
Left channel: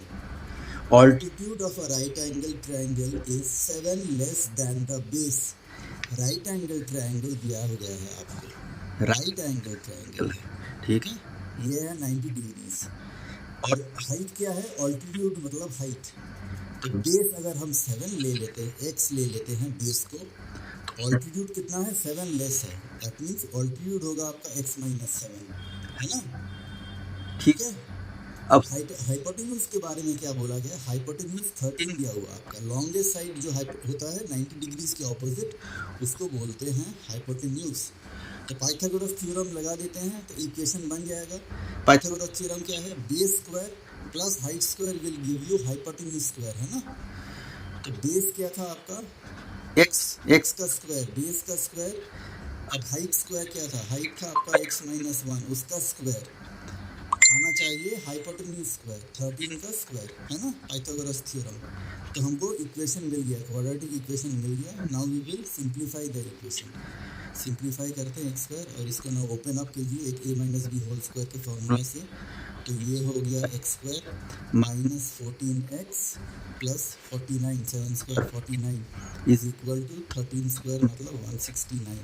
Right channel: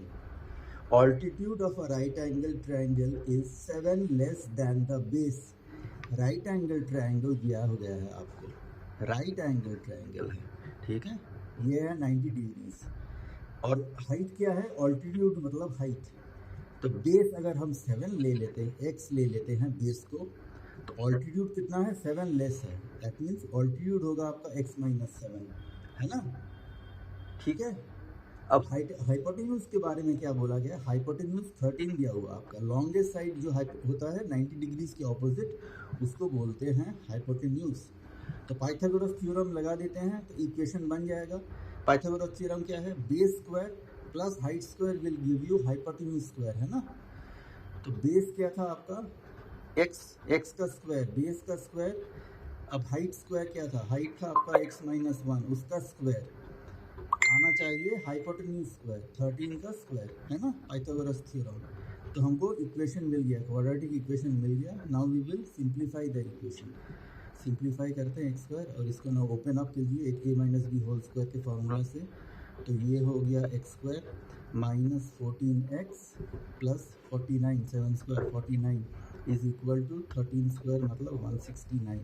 Altitude of a right angle triangle is 7 less than the base. Right angle triangle दिया गया है आपको, राइट एंगल ट्रायंगल है, ठीक है, ये है 90 डिग्रीज, और हाइट क्या है, ऑल्टीट्यूड मतलब हाइट। तो बेस अगर हम 7 ले लेते हैं, x ले लेते हैं बेस को, तो ऑल्टीट्यूड कितना है, 7 लेस है, दैट मीन्स ऑल्टीट्यूड होगा आपका x माइनस 7, है ना, ठीक है। अब हाइपोटेन्यूज के बारे में क्या बोला गया, हाइपोटेन्यूज 13 दिया हुआ आपका, लॉन्गेस्ट साइड जो होता है 90 डिग्रीज के ऑपोजिट, उसको बोलते हैं हाइपोटेन्यूज। तो पाइथागोरस थ्योरम लगा देते हैं तो इक्वेशन बन जाएगा। पाइथागोरस थ्योरम क्या है, base square plus height square will give you hypotenuse square, है ना। तो बेस क्या था आपका, x का स्क्वायर, बेस का स्क्वायर। अब हाइट स्क्वायर क्या था, हाइट था आपका x माइनस 1, उसका स्क्वायर आना चाहिए हाइपोटेन्यूज स्क्वायर, 13 का स्क्वायर, है ना, पाइथागोरस थ्योरम। तो हमको इक्वेशन मिल गया, क्वाड्रेटिक इक्वेशन मिल गया। Now we will simplify the equation. Simplify करते हैं x स्क्वायर, और इसको ना ओपन अप कीजिए एक a minus b whole square के फॉर्मूला से। तो ये हो गया x square minus 14x plus 49, 7 square 49 is equal to 13 square मतलब 169,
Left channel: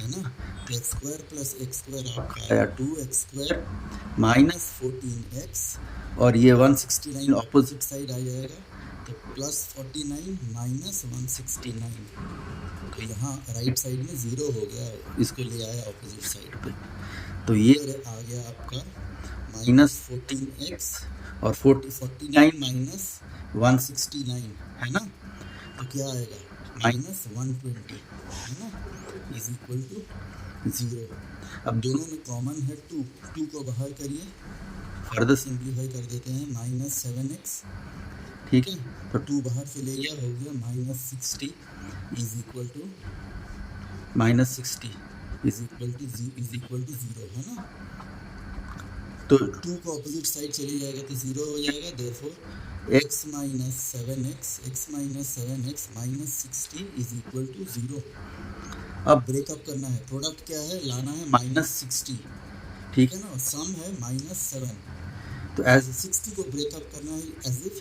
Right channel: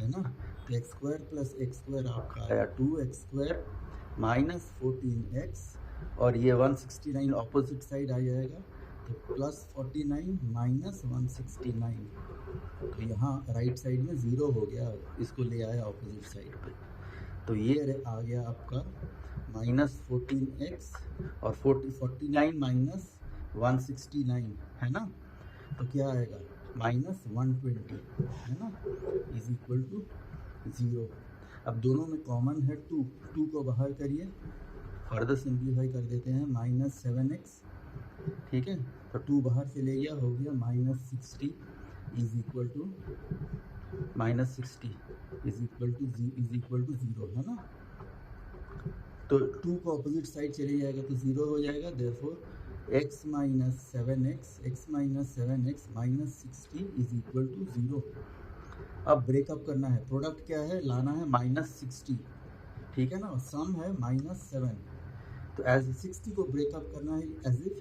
है ना। तो x square plus x square आपका आया 2x स्क्वायर माइनस 14x, और ये 169 ऑपोजिट साइड आ जाएगा, तो प्लस 49 माइनस 169। तो यहाँ राइट साइड में 0 हो गया, इसको ले आया ऑपोजिट साइड पे, तो ये आ गया आपका माइनस 14x और 49 माइनस 169, है ना। तो क्या आएगा, माइनस 120, है ना, इज इक्वल टू 0। अब दोनों में कॉमन है 2 को बाहर करिए, फर्दर सिंप्लीफाई कर देते हैं, माइनस 7x, ठीक है, तो 2 बाहर चले गया, हो गया -60 is equal to -60 is equal to 0, है ना। तो 2 को अपोजिट साइड चले जाएगा तो 0 हो जाएगा, therefore x minus 7x minus 60 is equal to 0। अब ब्रेकअप करना है, प्रोडक्ट क्या है, लाना है -60, ठीक है ना, और सम है -7। तो एज 60 को ब्रेकअप करना है as if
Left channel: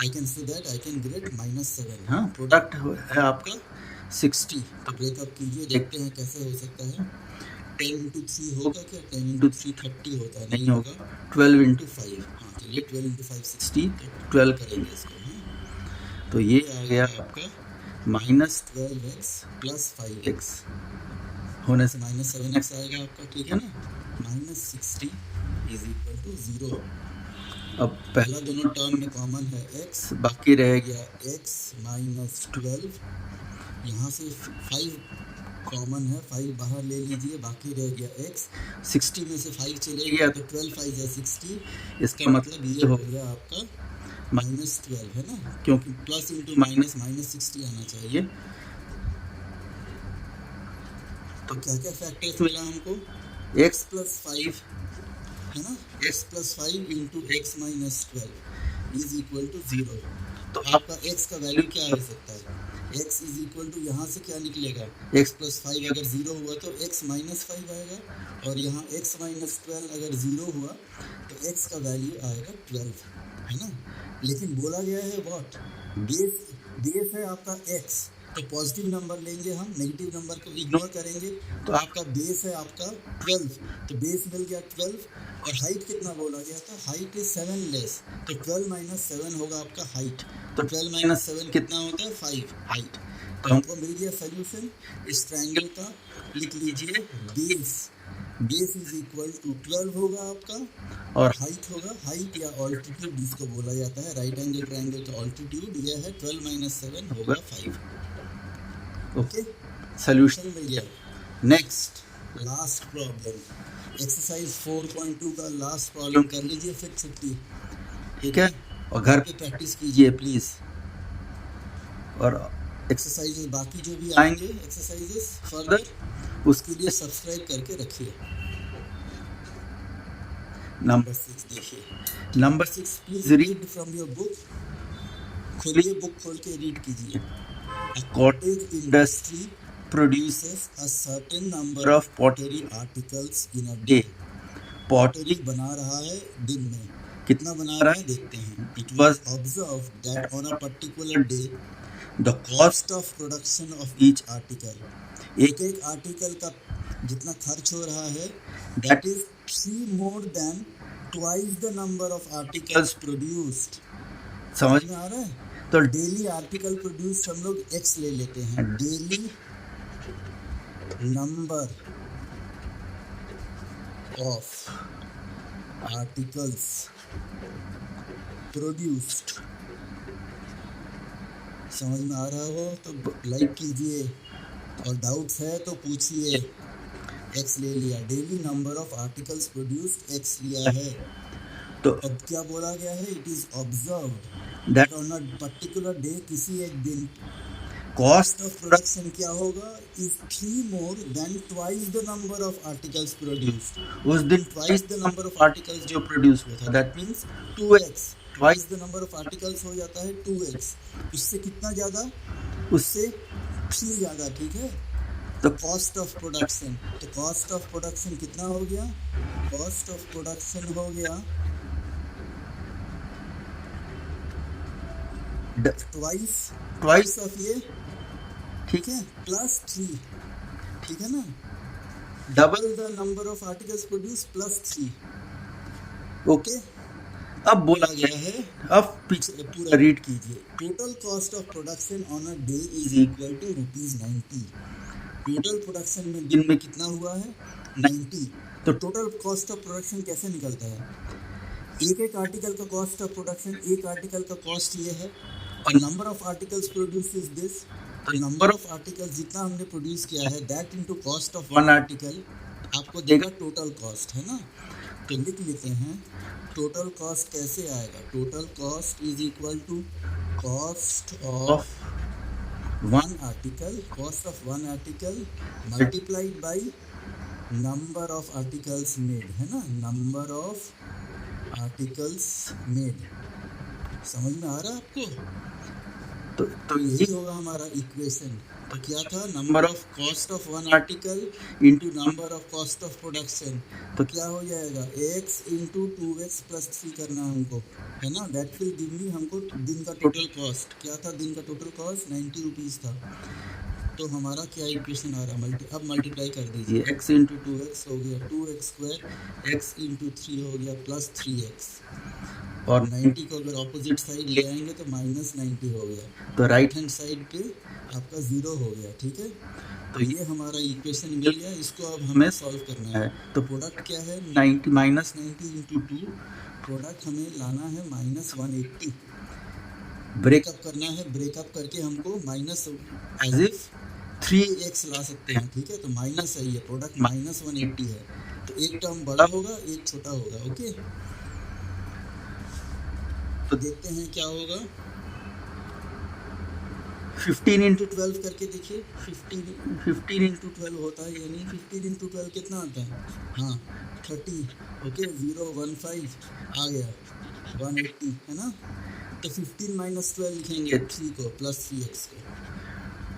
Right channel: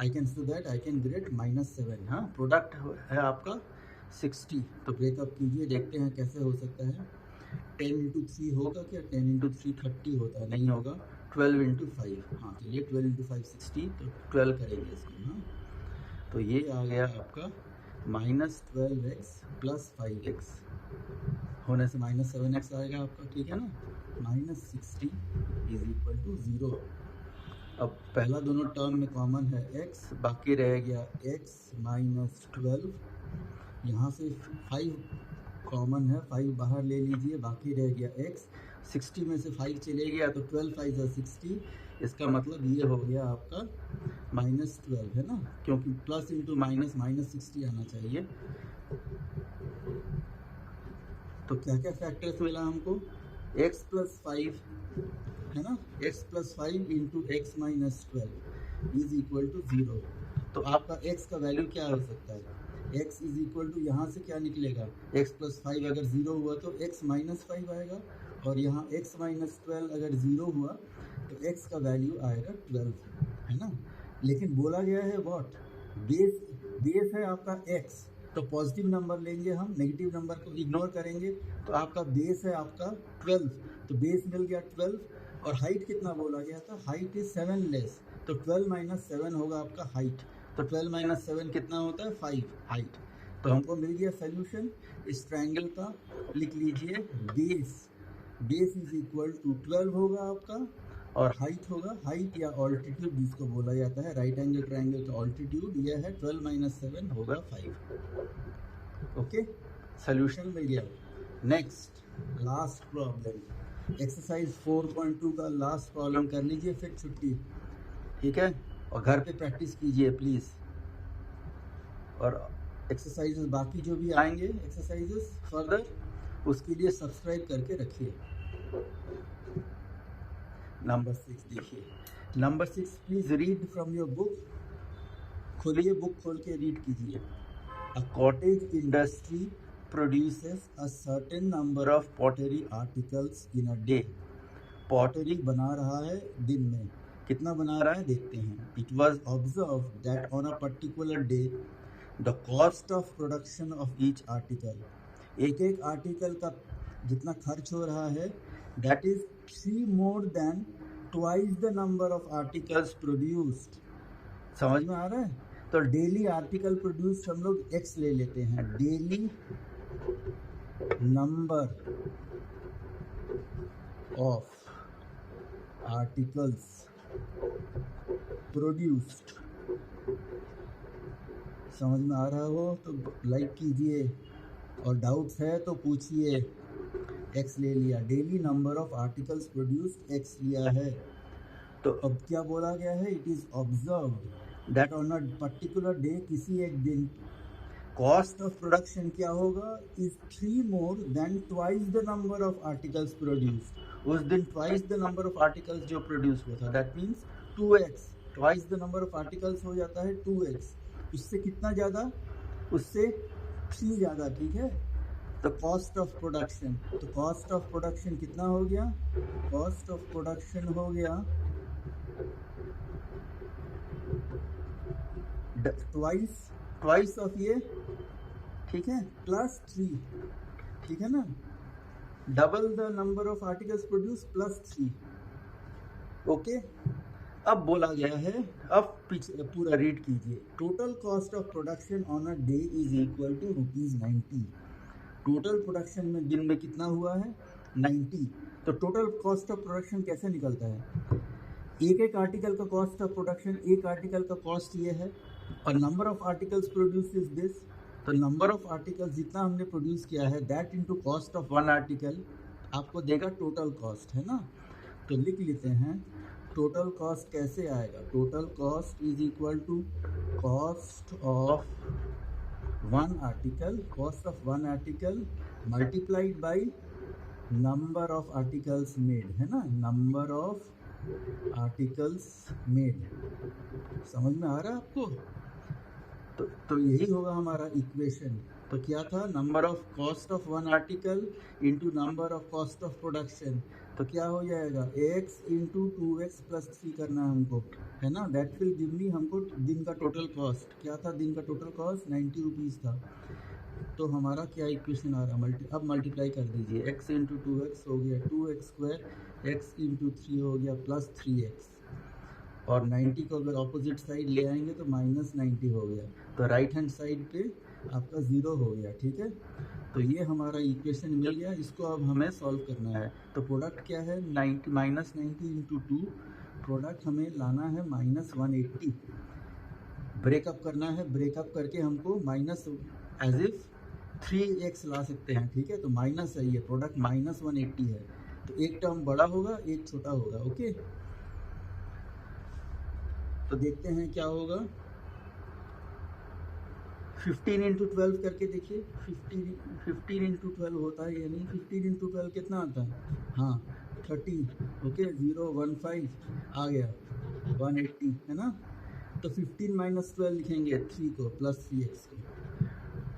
I can so that I can get -7। हाँ, प्रोडक्ट है आपका 60, तो ब्रेकअप कीजिए, देखते हैं कैसे हो सकता है। 10 इंटू 3 होगा क्या, 10 इंटू 3 30 होता है, नहीं होगा, 12 इंटू 5, हाँ चलिए 12 इंटू 5 60, तो 12 करेंगे इसको। हाँ, तो ये आ गया आपका -12x प्लस 5x होने से -7x आएगा आपका, ठीक है ना। -60 इज इक्वल टू 0। अब पहला दोनों टर्म में कॉमन है x, बाकी रह गया x माइनस 12, यहाँ से 5 कॉमन है, 5 बाहर ले लीजिए, बाकी रह गया x, 60 में से 5 चले गया तो 12 5 या 60, इसका मतलब ये हो गया आपका -12, है ना, क्योंकि प्लस इंटू माइनस -60 आना चाहिए। तो क्या क्या फैक्टर्स मिला हमको, x प्लस 5, है ना, x plus 5 into x minus 12 is equal to 0। तो आपका x का वैल्यू क्या हो सकता है, x इज इक्वल टू, यहाँ से क्या निकलेगा, x प्लस 5 अगर 0 हुआ तो x माइनस 5 आएगा, और यहाँ x माइनस 12 अगर 0 हुआ तो x का वैल्यू आएगा 12, है ना। लेकिन बोला गया है व्हाट, बेस है आपका x, तो पॉजिटिव नंबर लेंगे हम, नेगेटिव नंबर को इग्नोर करेंगे, तो आपका बेस है आपका 12, तो बेस मिल गया 12, और हाइट कितना बोला गया था, हाइट इज 7 लेस, तो 12 माइनस 7 होगा आपका हाइट, तो 12 माइनस 7 कितना होता है 5 हाइट। तो हमको मिल गया सोल्यूशन इस ट्रायंगल का, लिख लीजिए बेस इज इक्वल टू 12 होगा आपका, और हाइट होगा, हाइट या ऑल्टीट्यूड जिसको बोला जाता है, राइट एंगल ट्रायंगल का ऑल्टीट्यूड यह है 12 माइनस 7 होगा 5। ओके, सोल्यूशन मिल गया। नेक्स्ट लास्ट प्रॉब्लम, एक्सरसाइज 4.2 का लास्ट प्रॉब्लम कर लीजिए, फिर छुट्टी, ठीक है, और घर पे प्रैक्टिस कीजिए प्लीज़, और एक्सरसाइजेस बाकी जो भी आएंगे एक्सरसाइजेस फर्दर, उसके लिए सब्सक्राइब करके रखिए। नंबर 6 देखिए, number 6 please read from your book, खोलिए बुक, खोल के रीड कीजिए। A cottage industry produces a certain number of pottery articles in a day. Pottery बना रहा है दिन में, कितना बना रहा है देखते हैं। It was observed that on a particular day the cost of production of each article, एक एक आर्टिकल का जितना खर्च हो रहा है, that is 3 more than twice the number of articles produced। समझ में आ रहा है। तो डेली आर्टिकल प्रोड्यूस हम लोग x ले लेते हैं, daily number of articles produced, समझ में आ रहा हो तो लाइक कीजिए, और डाउट्स है तो पूछिए। x ले लिया, daily number of articles produced x लिया है, तो अब क्या बोला गया है, it is observed that on a particular day, किसी एक दिन, कॉस्ट ऑफ प्रोडक्शन क्या होगा, is 3 more than twice the number of articles produced. उस दिन twice the number of articles जो प्रोड्यूस हुआ था, that means 2x, twice the number of articles हो जाता है 2x, उससे कितना ज़्यादा, उससे 3 ज़्यादा, ठीक है। तो कॉस्ट ऑफ प्रोडक्शन, तो कॉस्ट ऑफ प्रोडक्शन कितना हो गया, कॉस्ट ऑफ प्रोडक्शन हो गया ट्वाइस ऑफ ये, ठीक है, प्लस 3, ठीक है ना, double the number of articles produce plus 3। Okay, अब बोला गया है, अब पीछे पूरा रीड कीजिए। Total cost of production on a day is equal to ₹90। Total production में दिन में कितना हुआ है 90। तो टोटल कॉस्ट ऑफ प्रोडक्शन कैसे निकलता है, एक एक आर्टिकल का कॉस्ट ऑफ प्रोडक्शन, एक आर्टिकल का कॉस्ट ये है, और number of articles produce is this, तो नंबर ऑफ आर्टिकल्स जितना हमने प्रोड्यूस किया है that into cost of one article आपको देगा टोटल कॉस्ट, है ना। तो लिख लेते हैं टोटल कॉस्ट कैसे आएगा? Total cost is equal to cost of one article multiplied by number of articles made, है ना, नंबर ऑफ आर्टिकल्स मेड। समझ में आ रहा है आपको? तो यही होगा हमारा इक्वेशन। तो क्या था? Number of cost of one article into number of cost of production. तो क्या हो जाएगा? x इंटू 2x प्लस 3 करना है हमको, है ना। दैट विल गिव मी हमको दिन का टोटल कॉस्ट। क्या था दिन का टोटल कॉस्ट? 90 रुपीज़ था। तो हमारा क्या इक्वेशन आ रहा है? अब मल्टीप्लाई कर दीजिए। x इंटू 2x हो गया 2x स्क्वायर, x इंटू 3 हो गया प्लस 3x, और 90 को अगर ऑपोजिट साइड ले आएंगे तो माइनस 90 हो गया। तो राइट हैंड साइड पे आपका 0 हो गया, ठीक है। तो ये हमारा इक्वेशन मिल गया। इसको अब हमें सॉल्व करना है। तो प्रोडक्ट क्या है? 90 माइनस 90 इंटू 2, प्रोडक्ट हमें लाना है माइनस 180। ब्रेकअप करना है, ब्रेकअप करके हमको माइनस एज इफ 3x ला सकते हैं, ठीक है। तो माइनस है, ये प्रोडक्ट माइनस 180 है। तो एक टर्म बड़ा होगा, एक छोटा होगा, ओके। तो देखते हैं क्या होगा। 15 इंटू 12 करके देखिए। 15 इंटू 12 होता है, यानी 15 इंटू 12 कितना आता है? हाँ 30, ओके। 015 आ गया 180, है ना। तो 15 माइनस 12 लिखेंगे 3 को प्लस 3x को,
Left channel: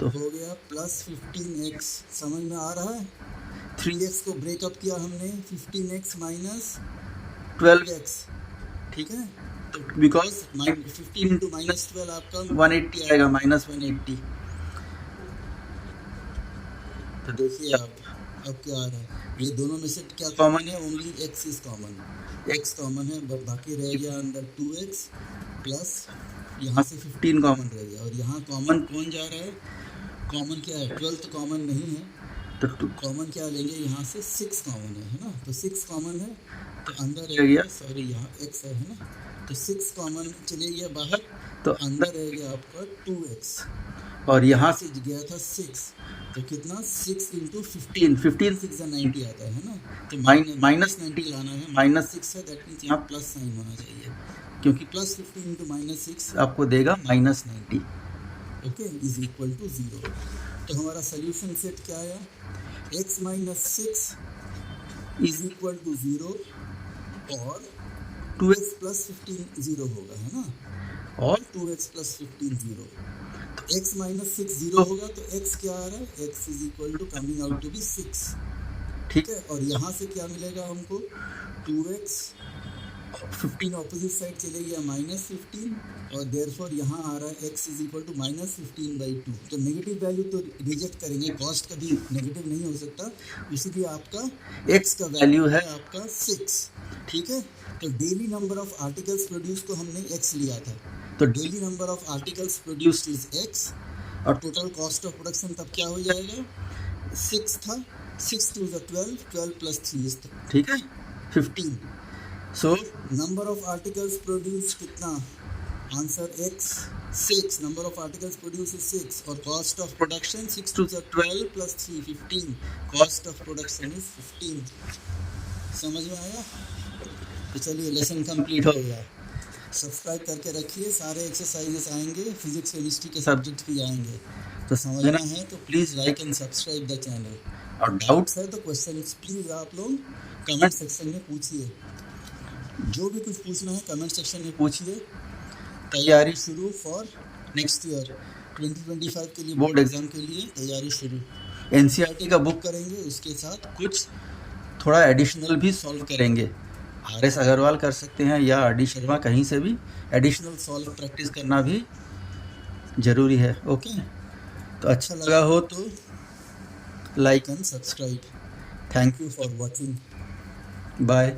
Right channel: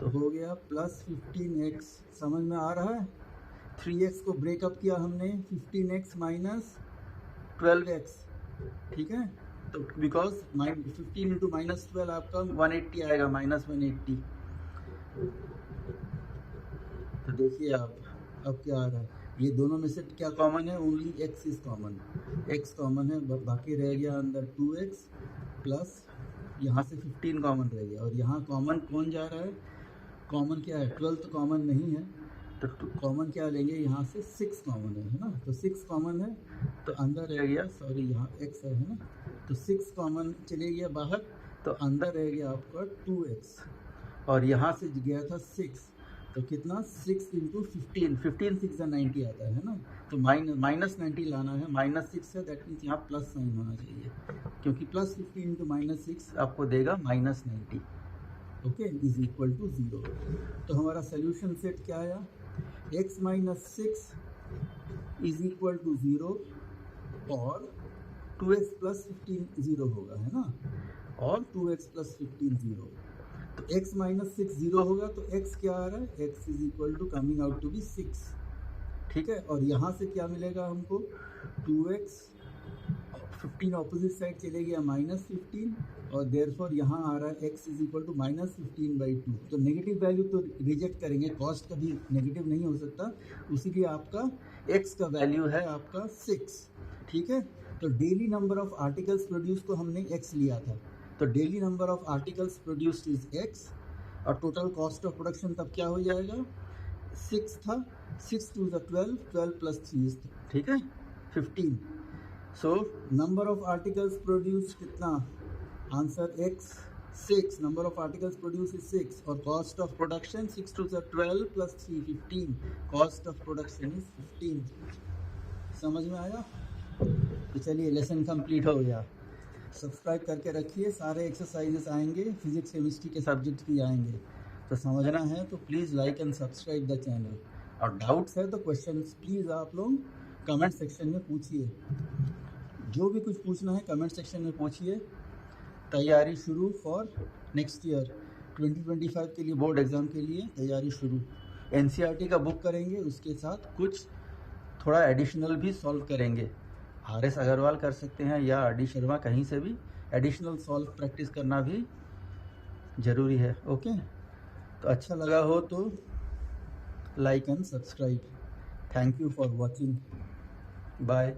तो हो गया प्लस 15x। समझ में आ रहा है? 3x को ब्रेकअप किया हमने, 15x माइनस 12x, ठीक है। तो बिकॉज 15 इंटू माइनस 12 आपका 180 आएगा, माइनस 180। तो देखिए आप, अब क्या आ रहा है? ये दोनों में से क्या कॉमन है? Only x is common, x common है, बाकी रह गया अंदर 2x प्लस यहाँ से 15 कॉमन रह गया। और यहाँ कॉमन कौन जा रहा है? कॉमन क्या है? 12 तो कॉमन नहीं है, तो कॉमन क्या लेंगे? यहाँ से 6 कॉमन है ना। तो 6 कॉमन है, तो अंदर रह गया, सॉरी यहाँ x है ना। तो 6 कॉमन चले गया बाहर, तो अंदर रह गया आपका 2x, और यहाँ से गया था 6। तो कितना? 6 इंटू 15, 15 6 90 आता है ना। तो माइनस 90 लाना है, माइनस 6 है, दैट मीन्स यहाँ प्लस साइन होना चाहिए, क्योंकि प्लस 15 इंटू माइनस 6 आपको देगा minus 90, okay, is equal to 0। तो हमारा सोल्यूशन सेट क्या आया? x minus 6 is equal to 0, और 2x प्लस 15 0 होगा, है ना, और 2x प्लस 15 0। तो x माइनस 6 0 होगा, तो x क्या आ रहा है? x is equal to coming out to be 6, ठीक है। और यहाँ से क्या मिलेगा हमको? 2x, 15 ऑपोजिट साइड चले गया माइनस 15, और देयरफॉर यहाँ आ रहा है x is equal to minus 15/2। तो नेगेटिव वैल्यू तो रिजेक्ट करेंगे, कॉस्ट कभी नेगेटिव नहीं हो सकता, उसीलिए आपका x का वैल्यू है आपका 6, ठीक है। तो daily number of articles produce को हमने x लिया था, तो daily number of articles produced is x, और टोटल कॉस्ट ऑफ प्रोडक्शन तब क्या हो जाएगा? 6 था, 6 2 is 12, 12 प्लस 3 is, ठीक है, 15। So number of articles produce कितना? Answer x 6, number of articles produce is 6, और cost of production 6 2 is 12 plus 3 15, cost of production is 15। समझ में आया? तो चलिए लेसन कंप्लीट हो गया। सब्सक्राइब करके रखिए, सारे एक्सरसाइजेस आएंगे, फिजिक्स केमिस्ट्री के सब्जेक्ट भी आएंगे। तो समझना है तो please like and subscribe the channel, और डाउट्स है तो क्वेश्चंस प्लीज़ आप लोग कमेंट सेक्शन में पूछिए। जो भी कुछ पूछना है कमेंट सेक्शन में पूछिए। तैयारी शुरू फॉर नेक्स्ट ईयर 2025 के लिए, बोर्ड एग्ज़ाम के लिए तैयारी शुरू। NCERT का बुक करेंगे, उसके साथ कुछ थोड़ा एडिशनल भी सॉल्व करेंगे। RS अग्रवाल कर सकते हैं या RD शर्मा, कहीं से भी एडिशनल सॉल्व प्रैक्टिस करना भी ज़रूरी है, ओके। तो अच्छा लगा हो तो like and subscribe. Thank you for watching, bye.